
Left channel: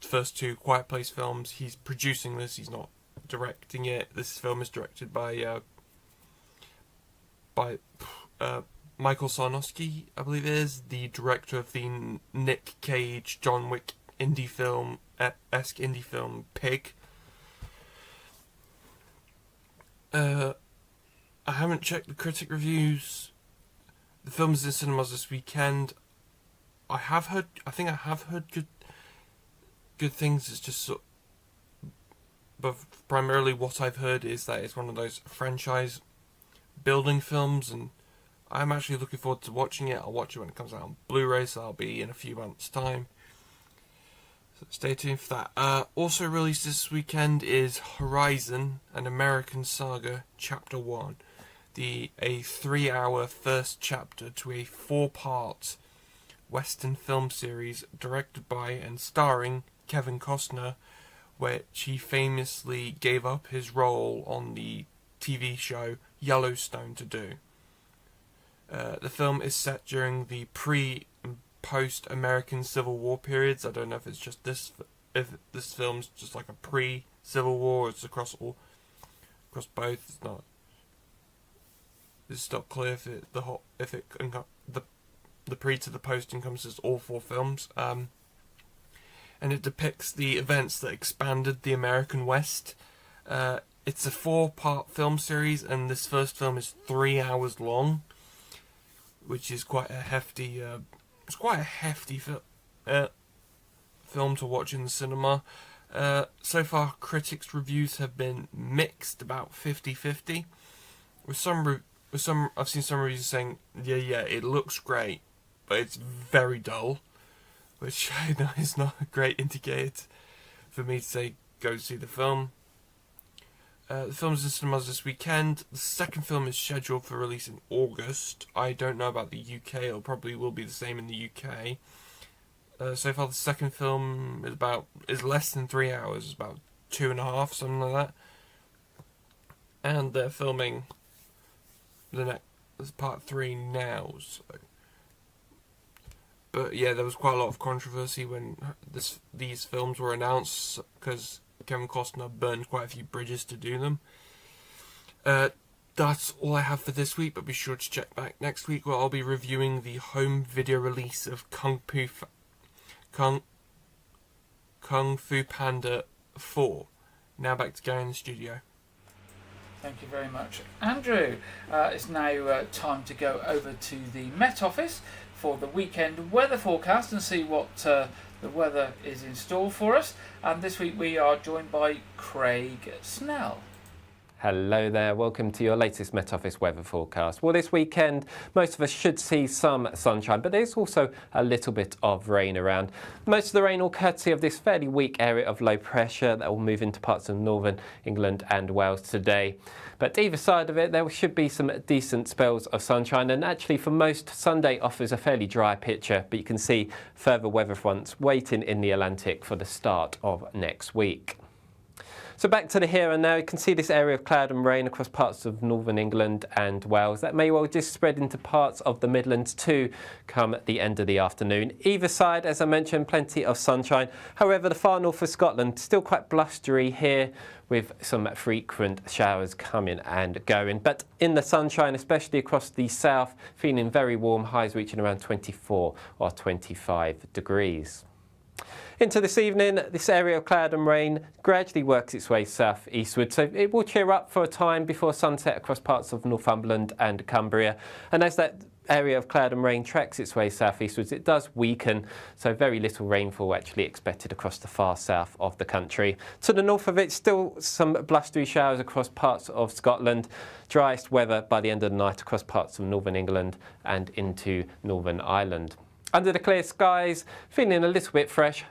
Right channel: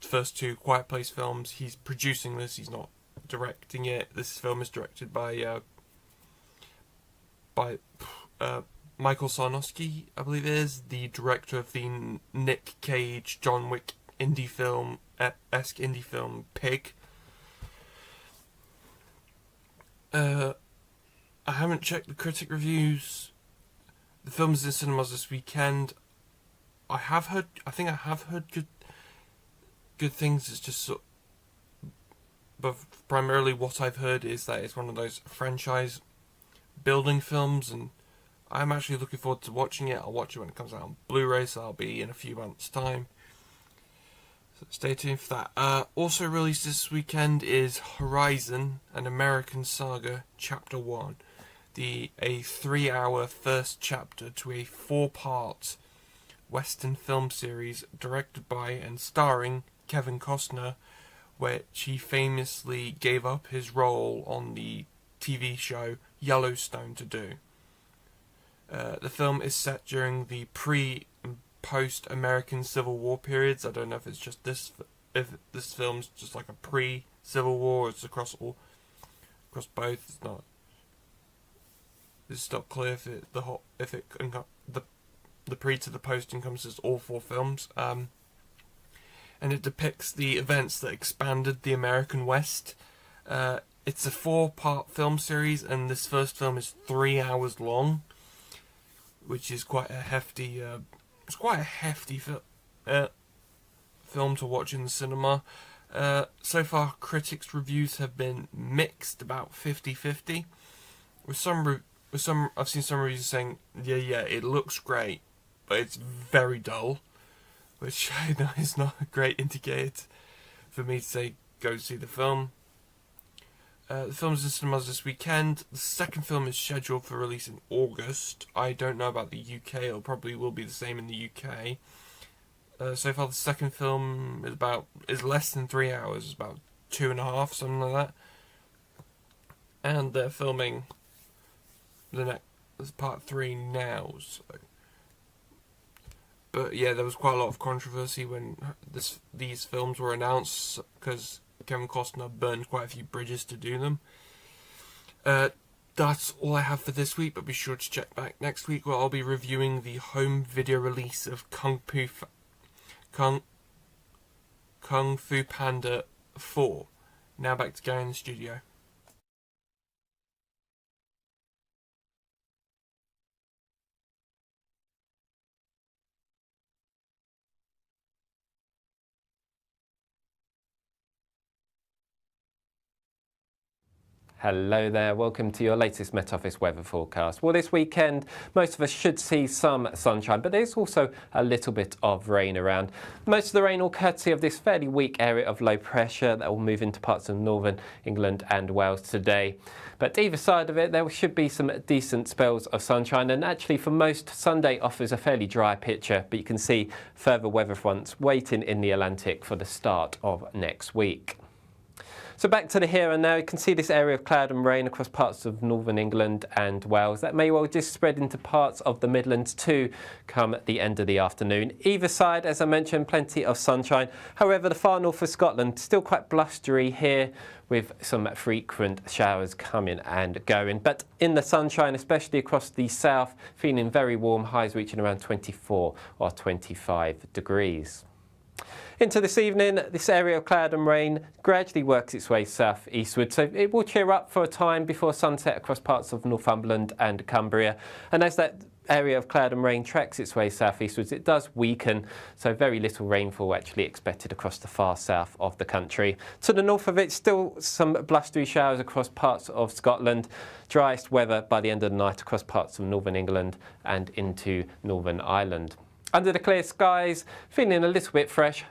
first two Quiet Place films. He's producing this, he's not directing it. This film is directed by Michael Sarnowski, I believe it is, the director of the Nick Cage, John Wick esque indie film Pig. I haven't checked the critic reviews. The film is in cinemas this weekend. I think I have heard good things. It's just but primarily what I've heard is that it's one of those franchise building films, and I'm actually looking forward to watching it. I'll watch it when it comes out on Blu-ray, so I'll be in a few months' time. So stay tuned for that. Also released this weekend is Horizon, an American Saga, Chapter 1. A 3-hour first chapter to a 4-part Western film series directed by and starring Kevin Costner, which he famously gave up his role on the TV show Yellowstone to do. The film is set during the pre- and post-American Civil War periods. I don't know if it's just if this film's just like a pre-Civil War, or it's across both. It's not clear if the pre to the post encompasses all 4 films. And it depicts the events that expanded the American West. It's a 4-part film series, and this first film is 3 hours long, which is quite a hefty. It's quite a hefty film to watch in the cinema. So far, critics' reviews have been mixed, about 50-50. With some, I've seen some reviews saying, yeah, it looks great, but it's very dull, which I know is not a great indicator for me to say go see the film. The film's in cinemas this weekend. The second film is scheduled for release in August. I don't know about the UK. It probably will be the same in the UK. So far, the second film is less than 3 hours. It's about 2.5, something like that. And they're filming the next part 3 now. So. But yeah, there was quite a lot of controversy when these films were announced, because Kevin Costner burned quite a few bridges to do them. That's all I have for this week, but be sure to check back next week, where I'll be reviewing the home video release of Kung Fu Panda 4. Now back to Gary in the studio. Thank you very much, Andrew. It's now time to go over to the Met Office for the weekend weather forecast and see what the weather is in store for us. And this week we are joined by Craig Snell. Hello there, welcome to your latest Met Office weather forecast. Well, this weekend most of us should see some sunshine, but there's also a little bit of rain around. Most of the rain will courtesy of this fairly weak area of low pressure that will move into parts of northern England and Wales today. But either side of it, there should be some decent spells of sunshine, and actually for most, Sunday offers a fairly dry picture, but you can see further weather fronts waiting in the Atlantic for the start of next week. So back to the here and now, you can see this area of cloud and rain across parts of northern England and Wales. That may well just spread into parts of the Midlands too come at the end of the afternoon. Either side, as I mentioned, plenty of sunshine. However, the far north of Scotland, still quite blustery here, with some frequent showers coming and going. But in the sunshine, especially across the south, feeling very warm, highs reaching around 24 or 25 degrees. Into this evening, this area of cloud and rain gradually works its way south-eastward, so it will cheer up for a time before sunset across parts of Northumberland and Cumbria. And as that area of cloud and rain tracks its way south-eastwards, it does weaken, so very little rainfall actually expected across the far south of the country. To the north of it, still some blustery showers across parts of Scotland. Driest weather by the end of the night across parts of northern England and into Northern Ireland. Under the clear skies, feeling a little bit fresh.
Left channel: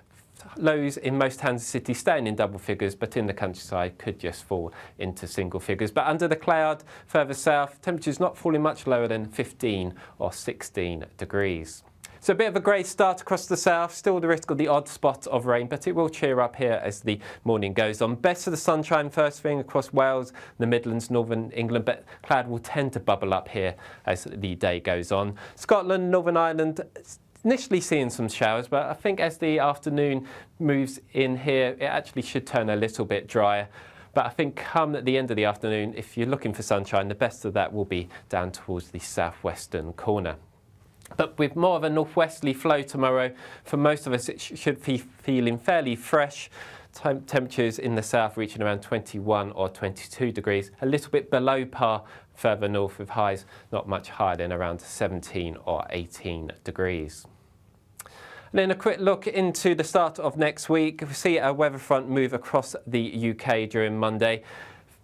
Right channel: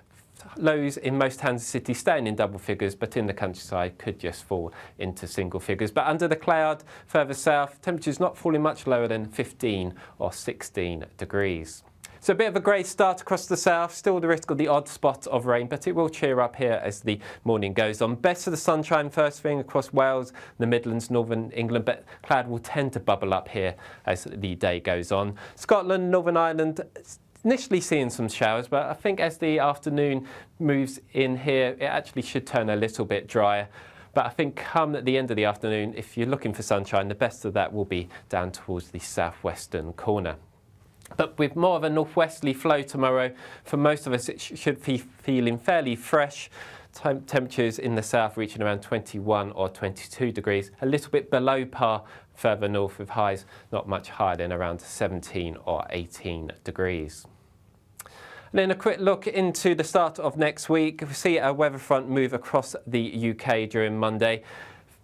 Lows in most towns and cities staying in double figures, but in the countryside could just fall into single figures. But under the cloud, further south, temperatures not falling much lower than 15 or 16 degrees. So a bit of a grey start across the south, still the risk of the odd spot of rain, but it will cheer up here as the morning goes on. Best of the sunshine first thing across Wales, the Midlands, northern England, but cloud will tend to bubble up here as the day goes on. Scotland, Northern Ireland, initially seeing some showers, but I think as the afternoon moves in here, it actually should turn a little bit drier. But I think come at the end of the afternoon, if you're looking for sunshine, the best of that will be down towards the southwestern corner. But with more of a northwesterly flow tomorrow, for most of us it should be feeling fairly fresh. Temperatures in the south reaching around 21 or 22 degrees, a little bit below par further north, with highs not much higher than around 17 or 18 degrees. And then a quick look into the start of next week. We see a weather front move across the UK during Monday.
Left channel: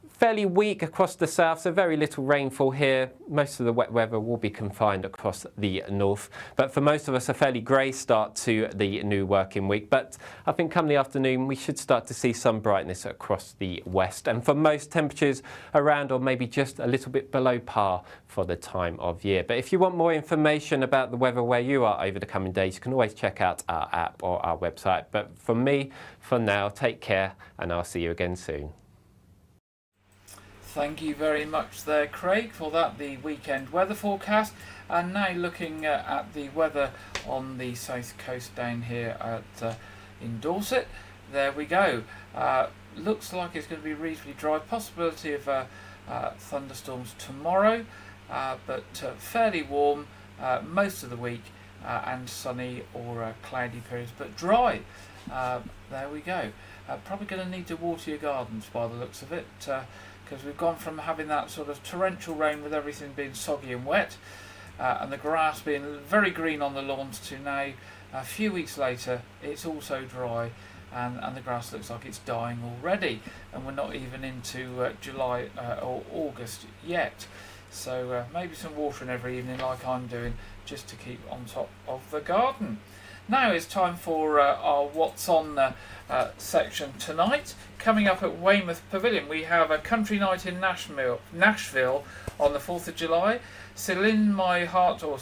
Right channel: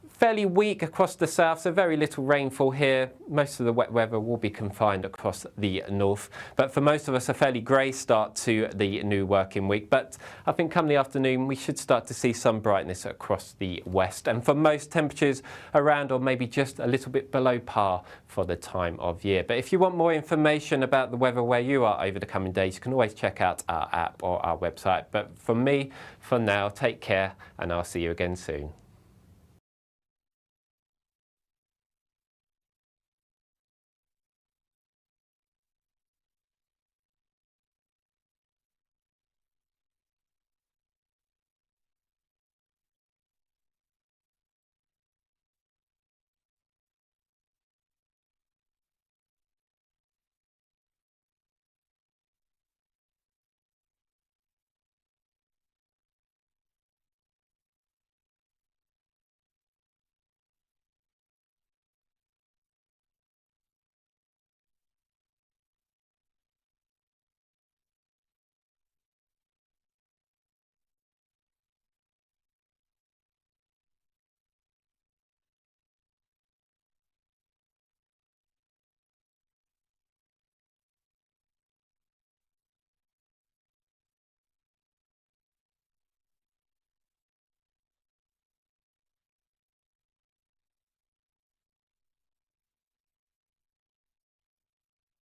Fairly weak across the south, so very little rainfall here. Most of the wet weather will be confined across the north. But for most of us, a fairly grey start to the new working week. But I think come the afternoon, we should start to see some brightness across the west. And for most, temperatures around or maybe just a little bit below par for the time of year. But if you want more information about the weather where you are over the coming days, you can always check out our app or our website. But for me, for now, take care and I'll see you again soon. Thank you very much there, Craig, for that, the weekend weather forecast. And now looking at the weather on the south coast down here at in Dorset. There we go. Looks like it's going to be reasonably dry. Possibility of thunderstorms tomorrow, but fairly warm most of the week, and sunny or cloudy periods, but dry. There we go. Probably going to need to water your gardens by the looks of it. Because we've gone from having that sort of torrential rain with everything being soggy and wet, and the grass being very green on the lawns, to now, a few weeks later, it's also dry, and the grass looks like it's dying already, and we're not even into July or August yet. So maybe some watering every evening like I'm doing, just to keep on top of the garden. Now it's time for our What's On section tonight. Coming up at Weymouth Pavilion, we have a country night in Nashville on the 4th of July. Celine My Heart will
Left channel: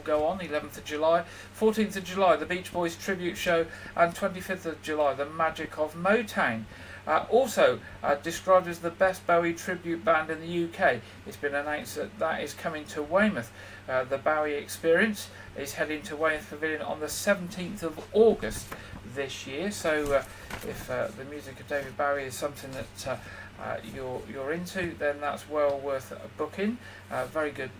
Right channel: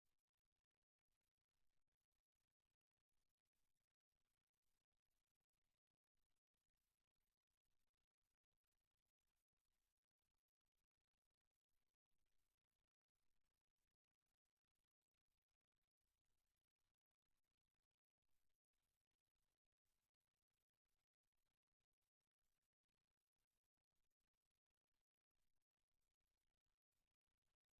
go on 11th of July. 14th of July, the Beach Boys tribute show, and 25th of July, the Magic of Motown. Also described as the best Bowie tribute band in the UK. It's been announced that is coming to Weymouth. The Bowie Experience is heading to Weymouth Pavilion on the 17th of August this year. So if the music of David Bowie is something that you're into, then that's well worth booking. Very good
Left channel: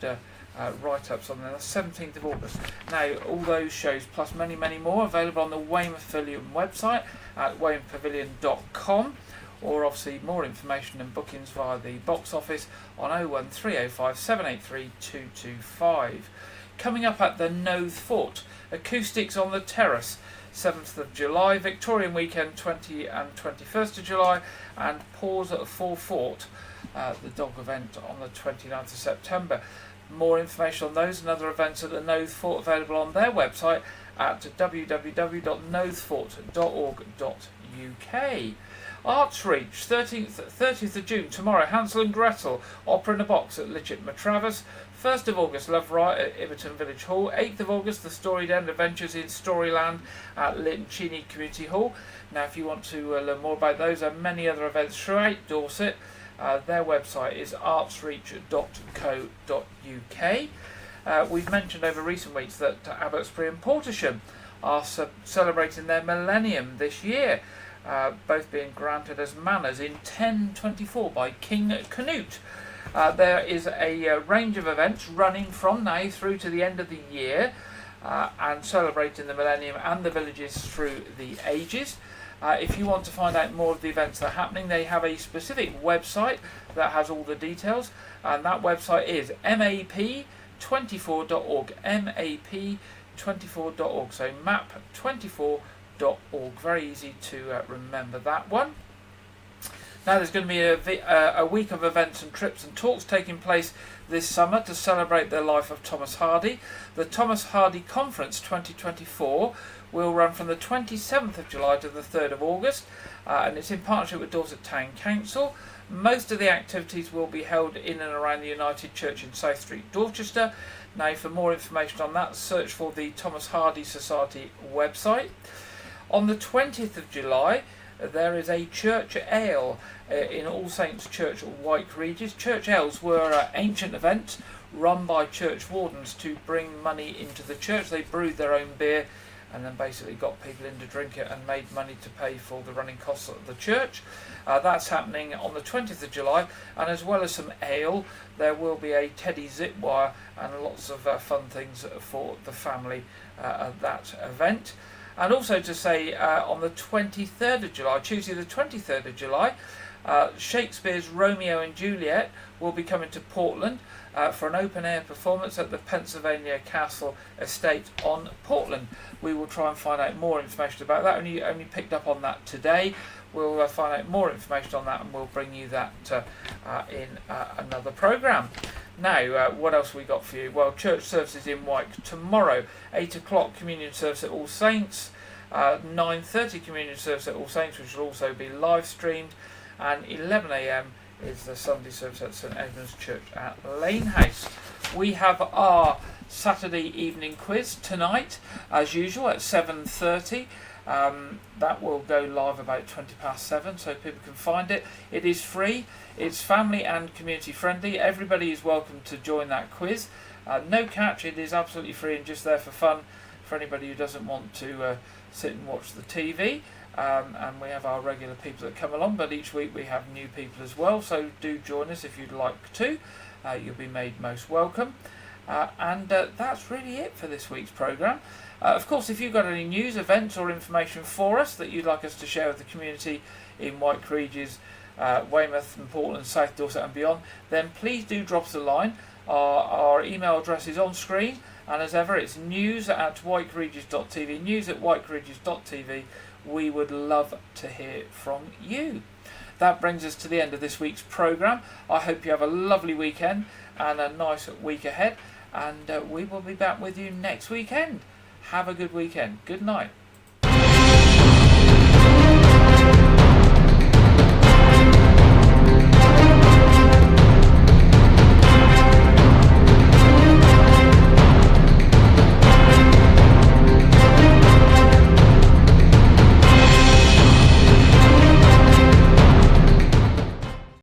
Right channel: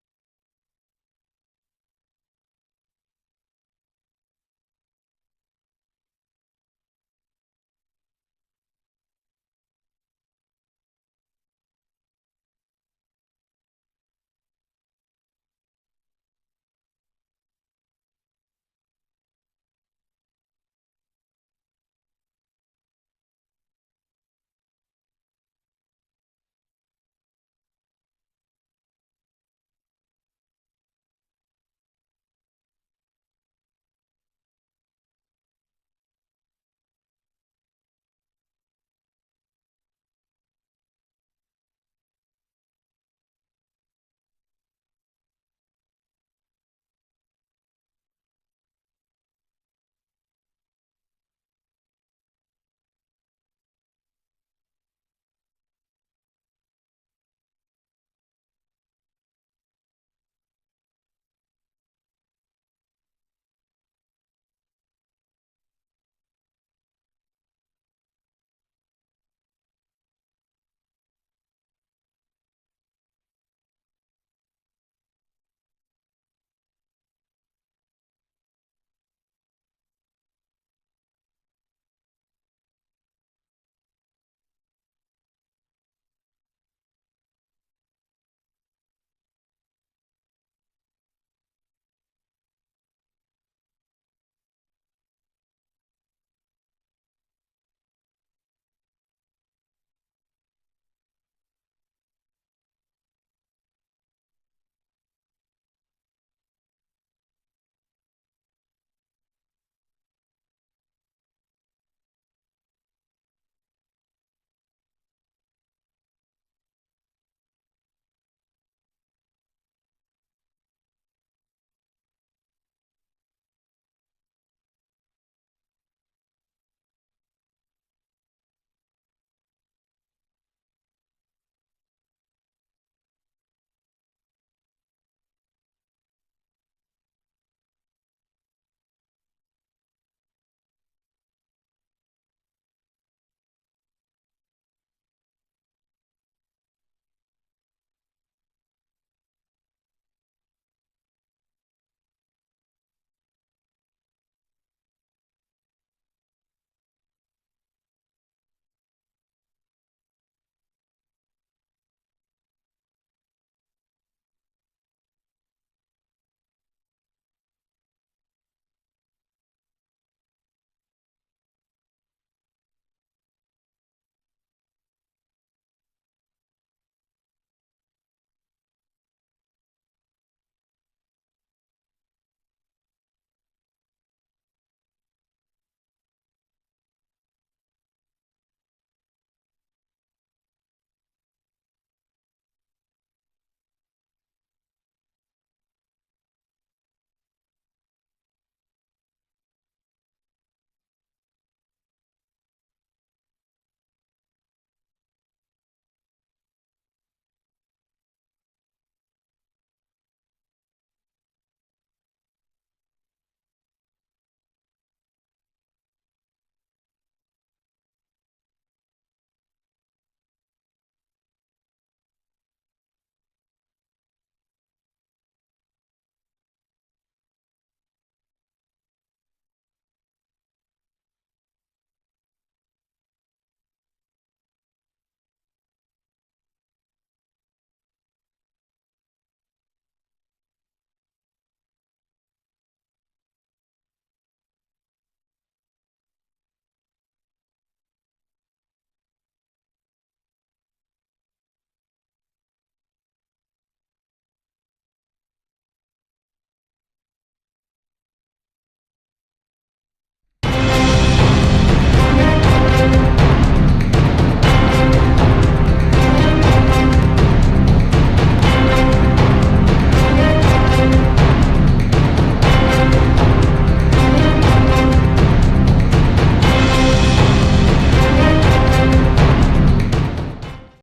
write-ups on the 17th of August. Now, all those shows plus many, many more available on the Weymouth Pavilion website at weymouthpavilion.com, or obviously more information and bookings via the box office on 01305 783 225. Coming up at the Knowth Fort, Acoustics on the Terrace, 7th of July, Victorian Weekend 20 and 21st of July, and Pause for Fort, the dog event on the 29th of September. More information on those and other events at the Knowth Fort available on their website at www.knowthfort.org.uk. Arts Reach, 30th of June, tomorrow, Hansel and Gretel, Opera in a Box at Litchett Matravers. 1st of August, Love Riot at Iverton Village Hall. 8th of August, The Storied End Adventures in Storyland at Linton Cheney Community Hall. Now, if you want to learn more about those and many other events throughout Dorset, their website is artsreach.co.uk. We've mentioned over recent weeks that Abbotsbury and Portersham are celebrating their millennium this year, both being granted as manors in 1024 by King Canute. There is a range of events running from now through to the end of the year, and celebrating the millennium and the villages through the ages. If you want to find out more of the events that are happening, they have a specific website that has all the details, and that website is map24.org, map24.org, so map24.org, very easy to remember that one. Now there's going to be a week of events and trips and talks taking place this summer to celebrate the life of Thomas Hardy. The Thomas Hardy Conference 2024 will run from the 27th of July to the 3rd of August, and it's in partnership with Dorset Town Council. Most of the activities will be held in and around the United Church in South Street, Dorchester. Now, for more information on that, search for the Thomas Hardy Society website. On the 20th of July, there is a church ale in All Saints Church, Wyke, Regis. Church ales were ancient events run by church wardens to bring money into the church. They brewed their own beer and then basically got people in to drink it and made money to pay for the running costs of the church. That's happening on the 20th of July, and as well as some ale, there will be a teddy zip wire and lots of fun things for the family at that event. And also to say, on the 23rd of July, Tuesday the 23rd of July, Shakespeare's Romeo and Juliet will be coming to Portland for an open-air performance at the Pennsylvania Castle Estate on Portland. We will try and find out more information about that. Only picked up on that today. We'll find out more information on that, and we'll bring you that in another programme. Now, what else we got for you? Well, church services in Wyke tomorrow. 8 o'clock communion service at All Saints. 9:30 communion service at All Saints, which will also be live streamed. And 11 a.m. is the Sunday service at St Edmund's Church at Lane House. We have our Saturday evening quiz tonight, as usual, at 7:30. That will go live about 7:20, so people can find it. It is free, it's family and community friendly. Everybody is welcome to join that quiz. No catch, it is absolutely free and just there for fun for anybody who doesn't want to sit and watch the TV. And we have our regular people that come along, but each week we have new people as well, so do join us if you'd like to. You'll be made most welcome. And that's really it for this week's programme. Of course, if you've got any news, events or information for us that you'd like us to share with the community in Wyke, Regis, Weymouth and Portland, South Dorset and beyond, then please do drop us a line. Our email address is on screen, and as ever it's news@wykeregis.tv, news@wykeregis.tv. We would love to hear from you. That brings us to the end of this week's programme. I hope you have a lovely weekend and a nice week ahead, and we will be back with you next weekend. Have a good weekend. Good night.